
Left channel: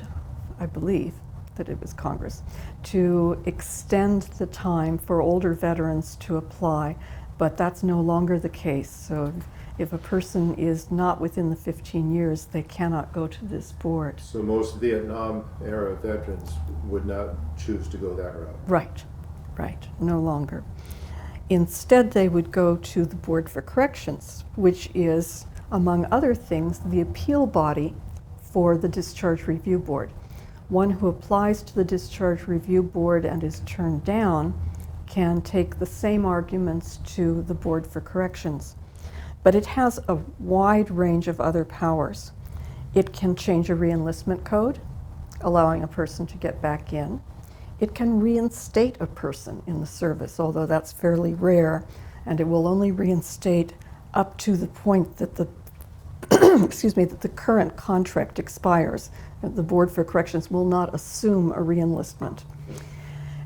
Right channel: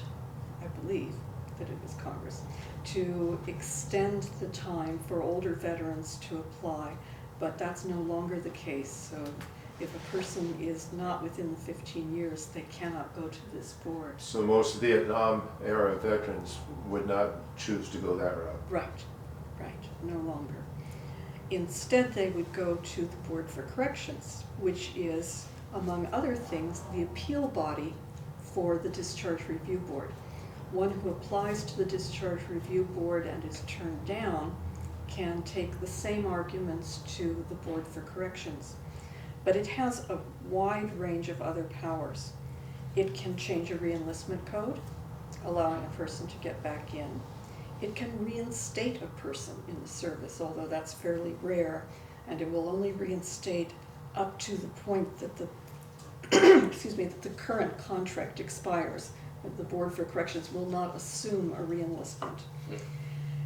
I believe that it was Congress, to extend the time for older veterans to apply, but that's no longer the case. So if a person is not within the 15 years, they cannot go to this board. So most Vietnam era veterans would not choose to go that route? Right, no longer. Instead, they would go to the Board for Corrections, which is, among other things, the appeal body for the Discharge Review Board. One who applies to the Discharge Review Board and is turned down can take the same arguments to the Board for Corrections. But it has a wide range of other powers. It can change a reenlistment code, allowing a person to get back in. It can reinstate a person in the service, although that's fairly rare, and it will only reinstate up to the point that the that the current contract expires. The Board for Corrections will not assume a reenlistment.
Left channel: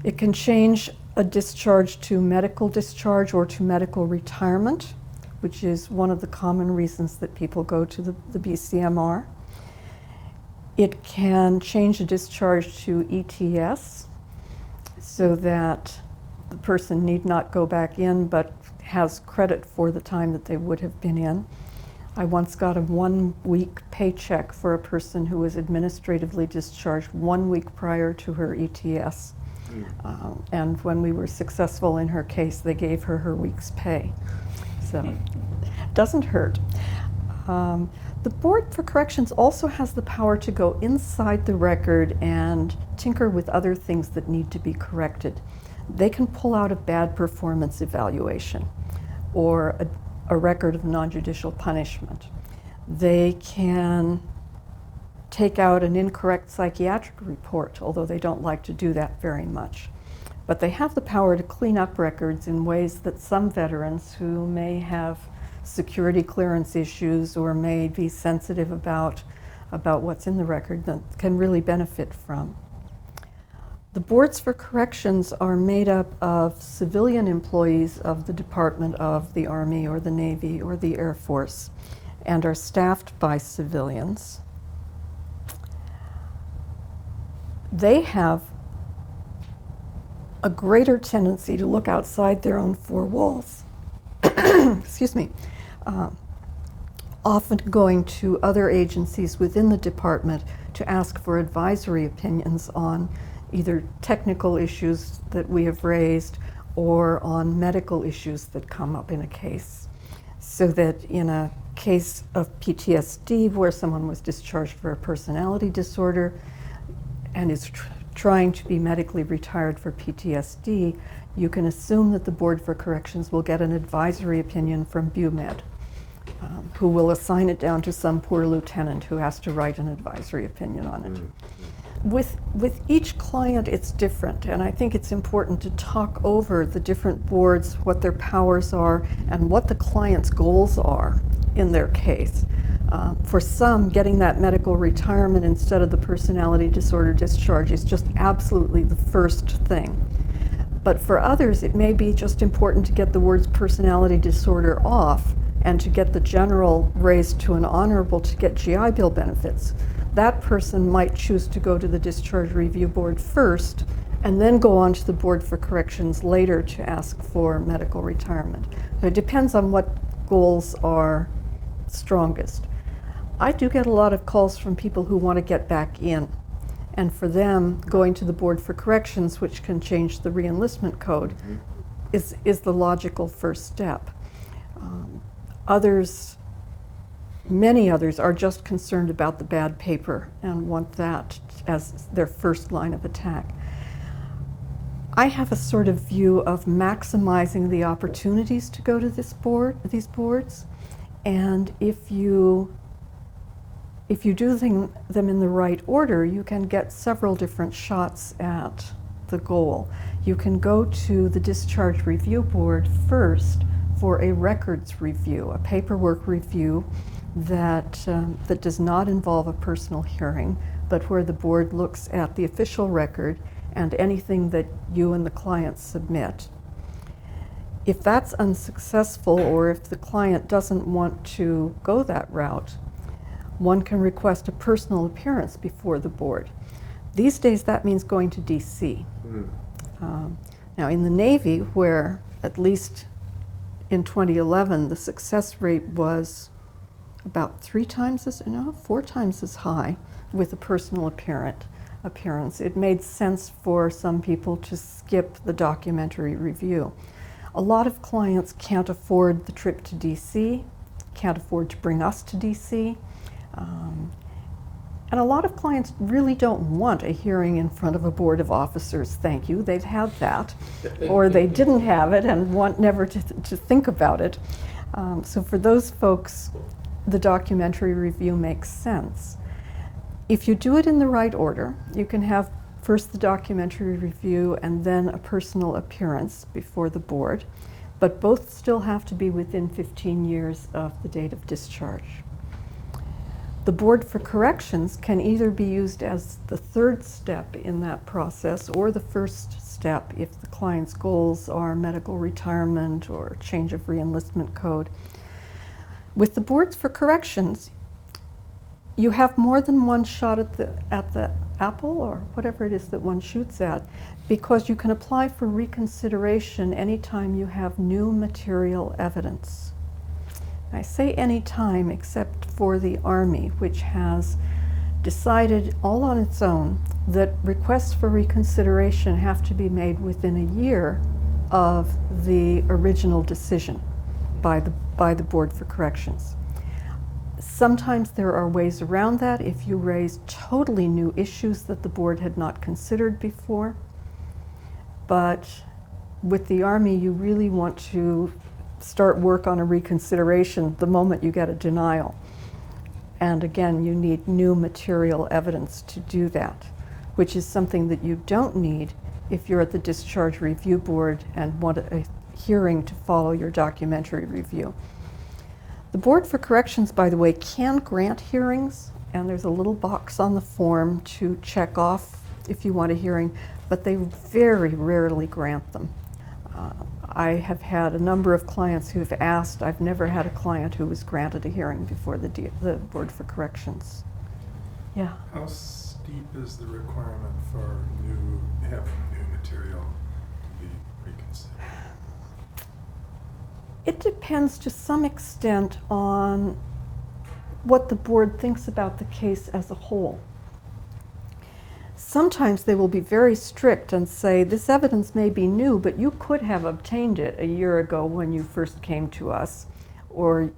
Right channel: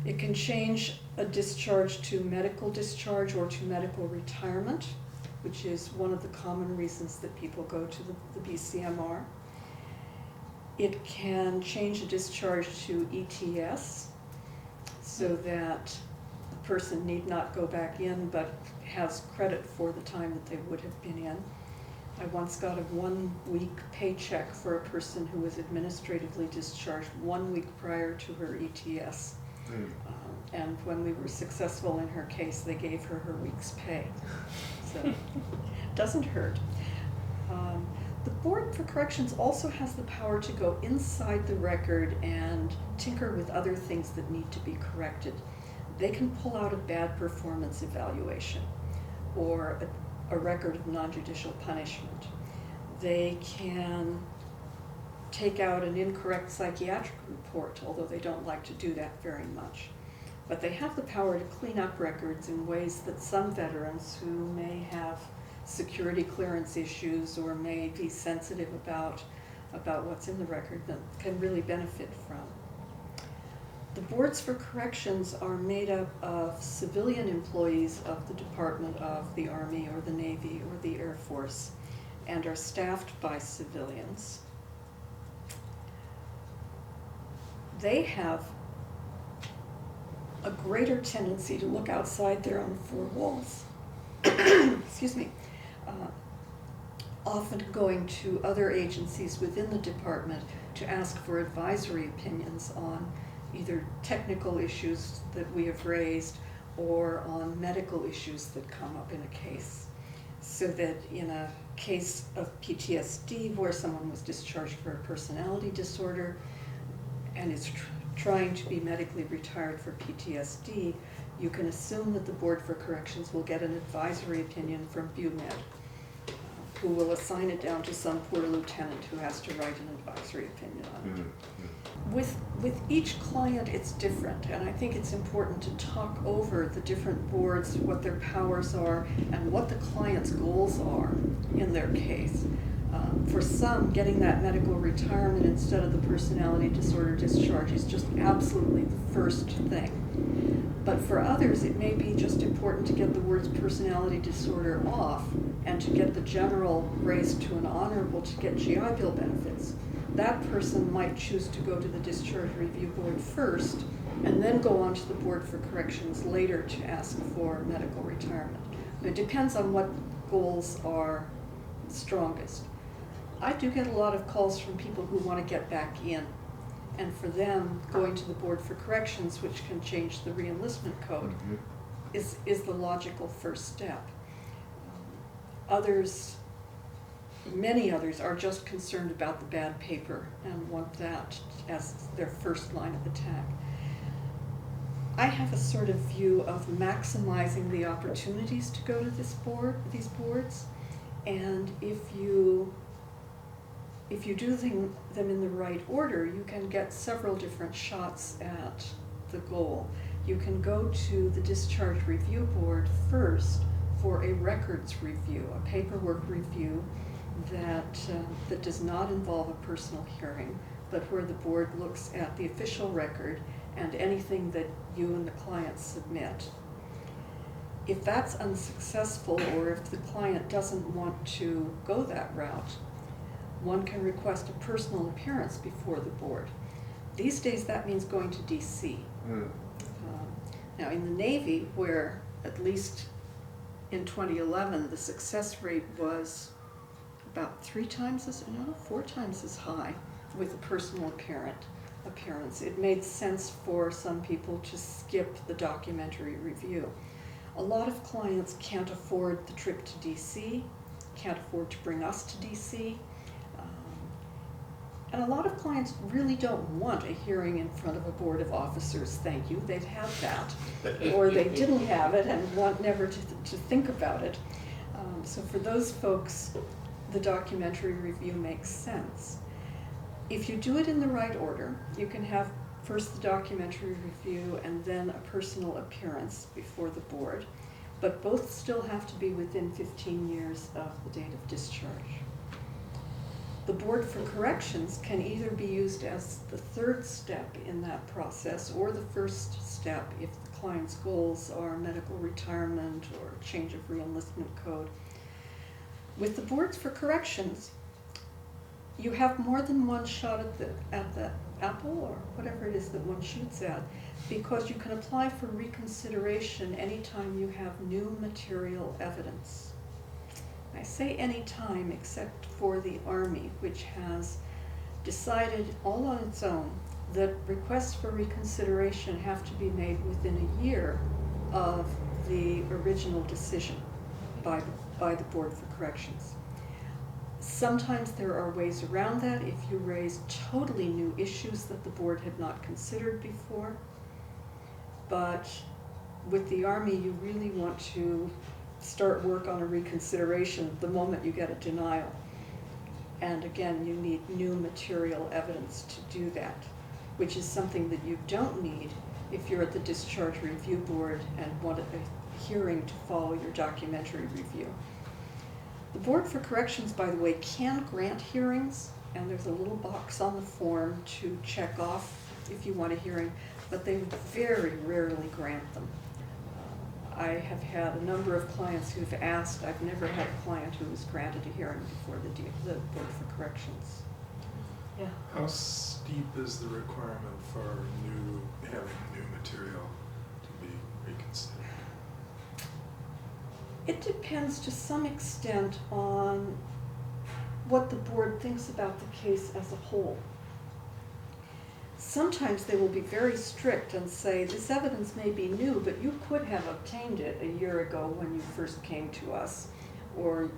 It can change a discharge to medical discharge or to medical retirement, which is one of the common reasons that people go to the BCMR. It can change a discharge to ETS so that the person need not go back in but has credit for the time that they would have been in. I once got a 1-week paycheck for a person who was administratively discharged 1 week prior to her ETS. And when we were successful in her case, they gave her her week's pay. So Doesn't hurt. The Board for Corrections also has the power to go inside the record and tinker with other things that need to be corrected. They can pull out a bad performance evaluation or a record of non-judicial punishment. They can take out an incorrect psychiatric report, although they don't like to do that very much. But they have the power to clean up records in ways that some veterans who may have security clearance issues or may be sensitive about what's in the record that can really benefit from. The boards for corrections are made up of civilian employees of the Department of the Army or the Navy or the Air Force and are staffed by civilians. They have a greater tendency to look outside their own four walls. Excuse me. Often going to other agencies within the department to ask for advisory opinions on either technical issues that we have raised or on medical issues that come up in a case. So that in a case of PTSD where someone was discharged for a personality disorder and is trying to be medically retired for PTSD, you can assume that the Board for Corrections will get an advisory opinion from BUMED, who will assign it down to some poor lieutenant who has to write an advisory opinion on it. With each client, it's different, and I think it's important to talk over the different boards, what their powers are, and what the client's goals are in their case. For some, getting that medical retirement instead of the personality disorder discharge is just absolutely the first thing. But for others, it may be just important to get the words personality disorder off and to get the general raised to an honorable to get GI Bill benefits. That person might choose to go to the Discharge Review Board first and then go on to the Board for Corrections later to ask for medical retirement. But it depends on what goals are strongest. I do get a lot of calls from people who want to get back in. And for them, going to the Board for Corrections, which can change the reenlistment code, is the logical first step. Many others are just concerned about the bad paper and want that as their first line of attack. I have a sort of view of maximizing the opportunities to go to these boards, and if you do them in the right order, you can get several different shots at the goal. You can go to the Discharge Review Board first for a records review, a paperwork review that does not involve a personal hearing, but where the board looks at the official record and anything that you and the client submit. If that's unsuccessful, or if the client doesn't want to go that route, one can request a personal appearance before the board. These days that means going to DC. Now in the Navy, where at least in 2011 the success rate was about 4 times as high with a personal appearance, it made sense for some people to skip the documentary review. A lot of clients can't afford the trip to DC, can't afford to bring us to DC. And a lot of clients really don't want a hearing in front of a board of officers, thank you, they've had that, or they didn't have it and want never to think about it. So for those folks, the documentary review makes sense. If you do it in the right order, you can have first the documentary review and then a personal appearance before the board, but both still have to be within 15 years of the date of discharge. The Board for Corrections can either be used as the third step in that process or the first step if the client's goals are medical retirement or change of reenlistment code. With the Boards for Corrections, you have more than one shot at the apple, or whatever it is that one shoots at, because you can apply for reconsideration anytime you have new material evidence. I say any time except for the Army, which has decided all on its own that requests for reconsideration have to be made within a year of the original decision. by the Board for Corrections. Sometimes there are ways around that if you raise totally new issues that the board had not considered before. But with the Army, you really want to start work on a reconsideration the moment you get a denial. And again, you need new material evidence to do that, which is something that you don't need if you're at the Discharge Review Board and want a hearing to follow your documentary review. The Board for Corrections, by the way, can grant hearings, and there's a little box on the form to check off if you want a hearing, but they very rarely grant them. I have had a number of clients who have asked. I've never had a client who was granted a hearing before the Board for Corrections. Yeah. How steep is the requirement for having new material to be reconsidered? It depends to some extent on what the board thinks about the case as a whole. Sometimes they will be very strict and say, this evidence may be new, but you could have obtained it a year ago when you first came to us, or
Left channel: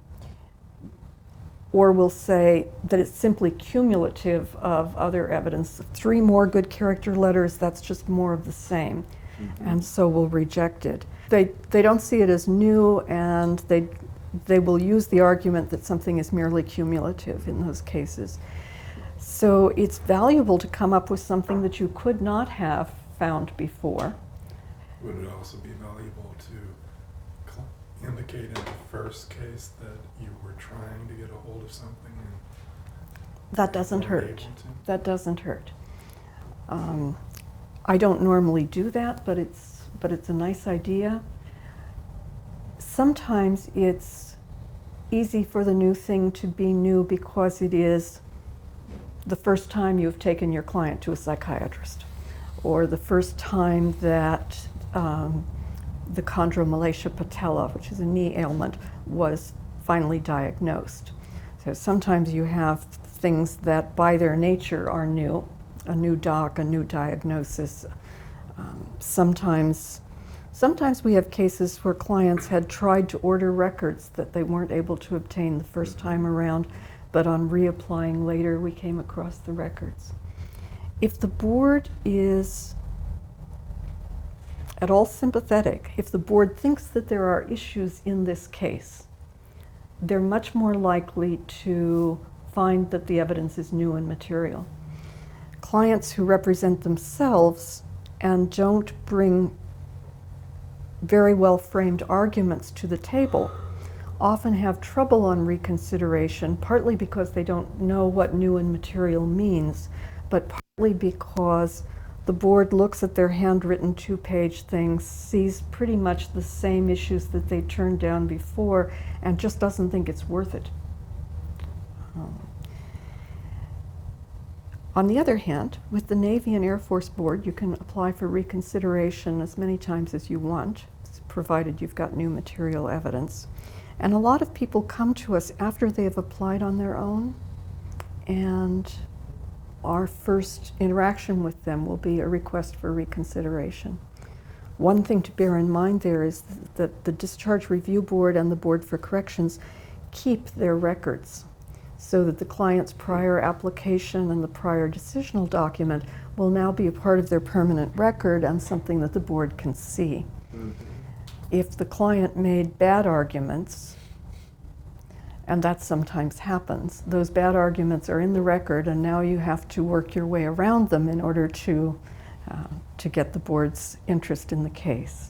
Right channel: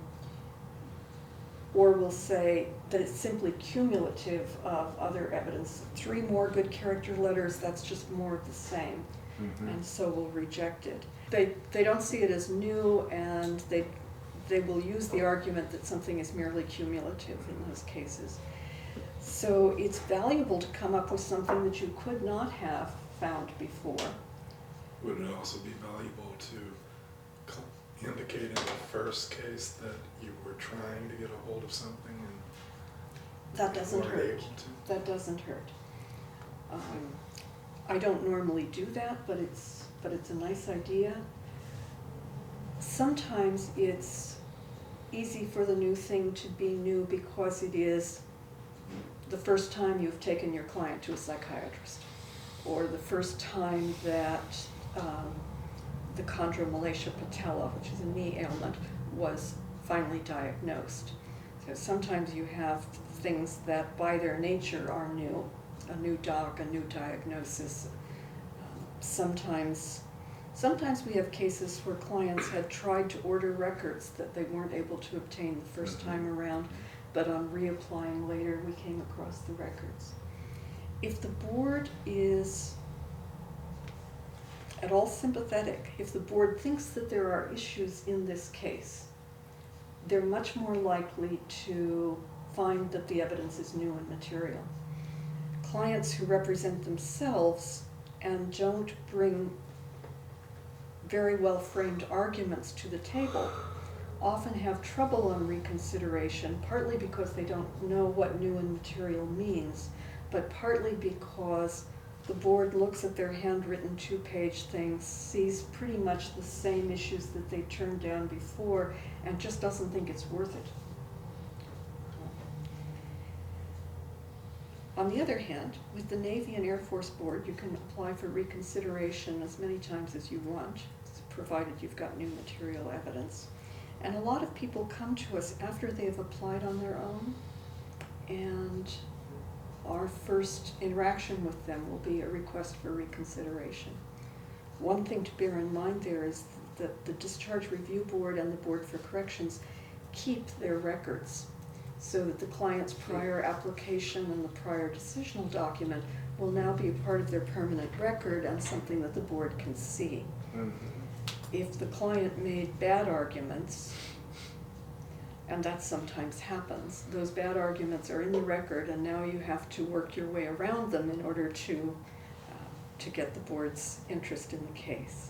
will say that it's simply cumulative of other evidence. 3 more good character letters, that's just more of the same, and so we'll reject it. They don't see it as new, and they will use the argument that something is merely cumulative in those cases. So it's valuable to come up with something that you could not have found before. Would it also be valuable to indicate in the first case that you were trying to get a hold of something? That doesn't weren't hurt. able to? That doesn't hurt. I don't normally do that, but it's a nice idea. Sometimes it's easy for the new thing to be new because it is the first time you've taken your client to a psychiatrist, or the first time that the chondromalacia patella, which is a knee ailment, was finally diagnosed. So sometimes you have things that by their nature are new, a new doc, a new diagnosis. Sometimes we have cases where clients had tried to order records that they weren't able to obtain the first time around, but on reapplying later, we came across the records. If the board is at all sympathetic, if the board thinks that there are issues in this case, they're much more likely to find that the evidence is new and material. Clients who represent themselves and don't bring very well framed arguments to the table often have trouble on reconsideration, partly because they don't know what new and material means, but partly because the board looks at their handwritten 2-page things, sees pretty much the same issues that they turned down before, and just doesn't think it's worth it. On the other hand, with the Navy and Air Force Board, you can apply for reconsideration as many times as you want, provided you've got new material evidence. And a lot of people come to us after they have applied on their own, and our first interaction with them will be a request for reconsideration. One thing to bear in mind there is that the Discharge Review Board and the Board for Corrections keep their records, so that the client's prior application and the prior decisional document will now be a part of their permanent record and something that the board can see. If the client made bad arguments, and that sometimes happens, those bad arguments are in the record, and now you have to work your way around them in order to get the board's interest in the case.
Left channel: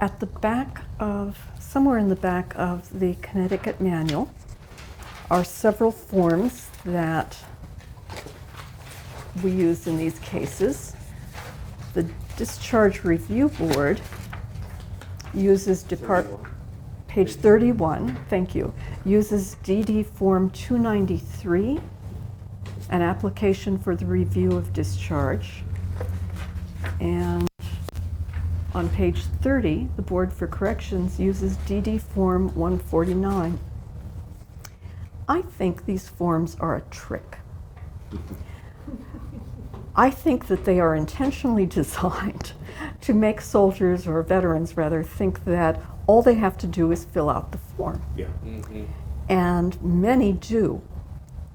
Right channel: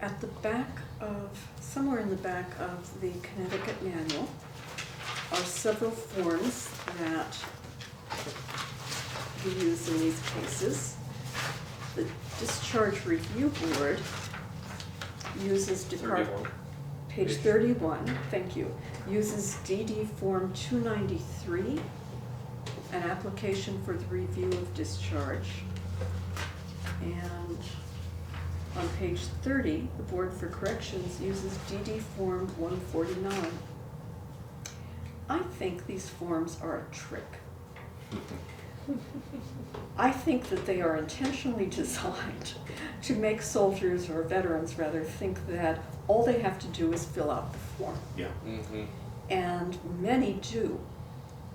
At the back of, somewhere in the back of the Connecticut manual, are several forms that we use in these cases. The Discharge Review Board uses page 31, thank you, uses DD Form 293, an application for the review of discharge. And on page 30, the Board for Corrections uses DD Form 149. I think these forms are a trick. I think that they are intentionally designed to make soldiers, or veterans rather, think that all they have to do is fill out the form. Yeah. Mm-hmm. And many do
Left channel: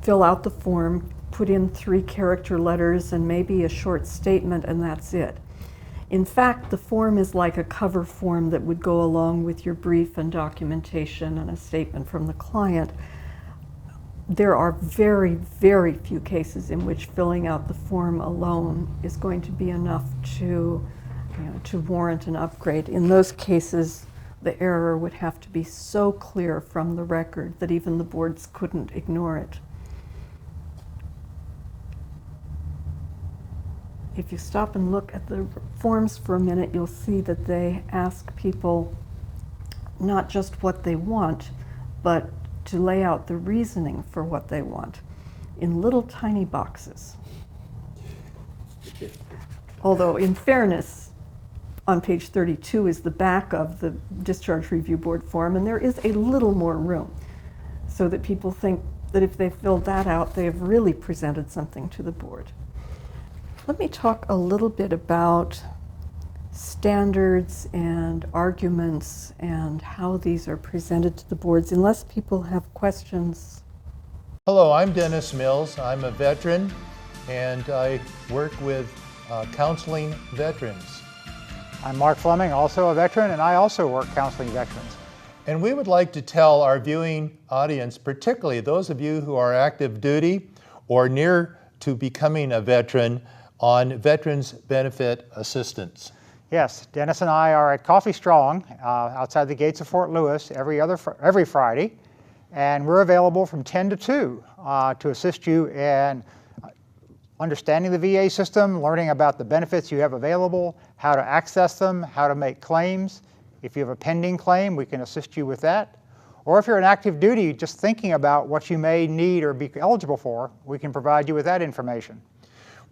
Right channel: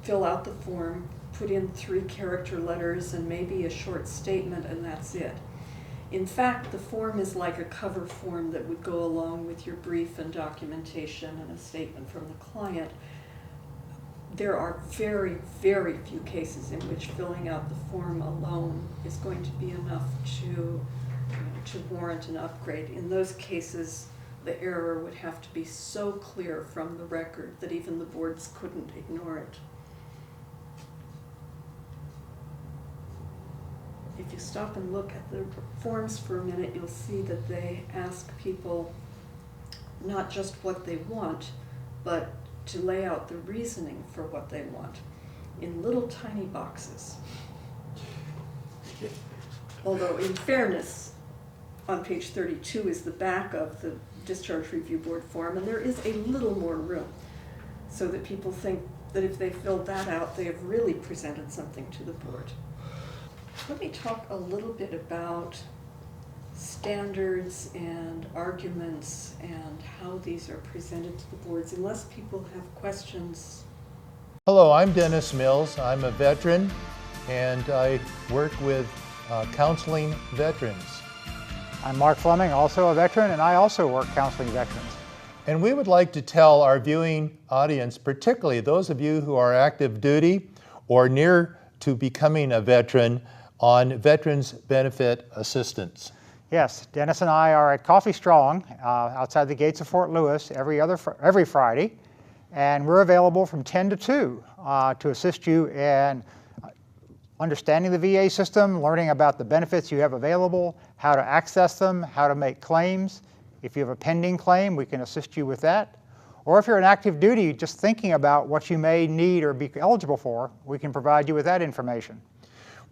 fill out the form, put in 3-character letters and maybe a short statement, and that's it. In fact, the form is like a cover form that would go along with your brief and documentation and a statement from the client. There are very, very few cases in which filling out the form alone is going to be enough to warrant an upgrade. In those cases, the error would have to be so clear from the record that even the boards couldn't ignore it. If you stop and look at the forms for a minute, you'll see that they ask people not just what they want, but to lay out the reasoning for what they want in little tiny boxes. Although, in fairness, on page 32 is the back of the Discharge Review Board form, and there is a little more room, so that people think that if they filled that out, they have really presented something to the board. Let me talk a little bit about standards and arguments and how these are presented to the boards, unless people have questions. Hello, I'm Dennis Mills. I'm a veteran and I work with counseling veterans. I'm Mark Fleming, also a veteran, and I also work counseling veterans. And we would like to tell our viewing audience, particularly those of you who are active duty or near to becoming a veteran, on Veterans Benefit Assistance. Yes, Dennis and I are at Coffee Strong outside the gates of Fort Lewis every Friday, and we're available from 10 to 2 to assist you in understanding the VA system, learning about the benefits you have available, how to access them, how to make claims. If you have a pending claim, we can assist you with that. Or if you're in active duty, just thinking about what you may need or be eligible for, we can provide you with that information.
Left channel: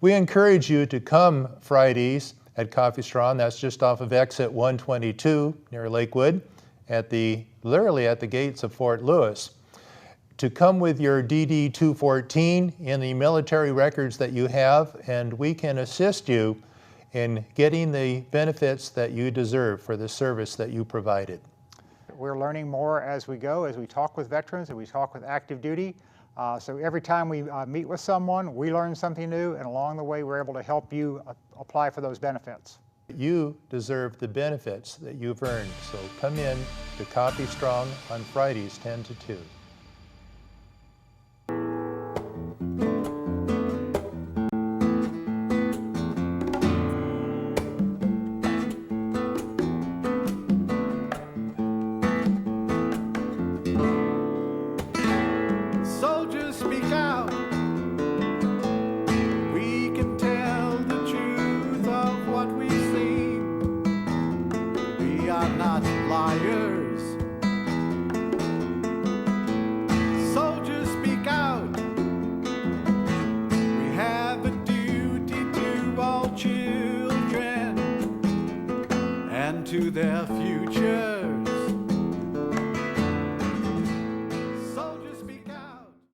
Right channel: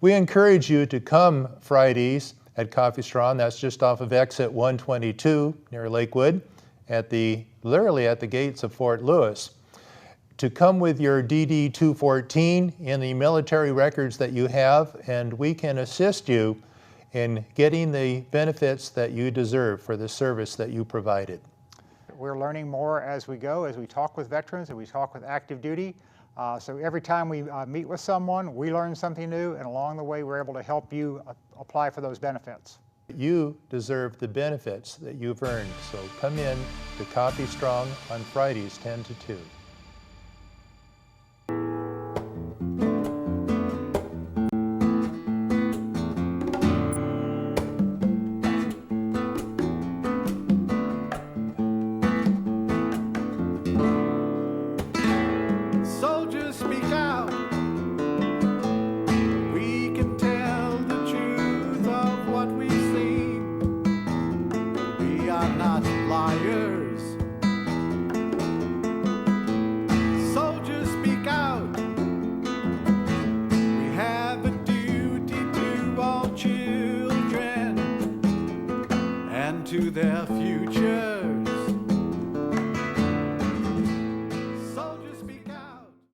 We encourage you to come Fridays at Coffee Strong. That's just off of exit 122 near Lakewood, literally at the gates of Fort Lewis. To come with your DD 214 in the military records that you have, and we can assist you in getting the benefits that you deserve for the service that you provided. We're learning more as we go, as we talk with veterans and we talk with active duty. So every time we meet with someone, we learn something new, and along the way we're able to help you apply for those benefits. You deserve the benefits that you've earned, so come in to Coffee Strong on Fridays 10 to 2. Soldiers speak out. We can tell the truth of what we've seen. We are not liars. Soldiers speak out. We have a duty to all children and to their future.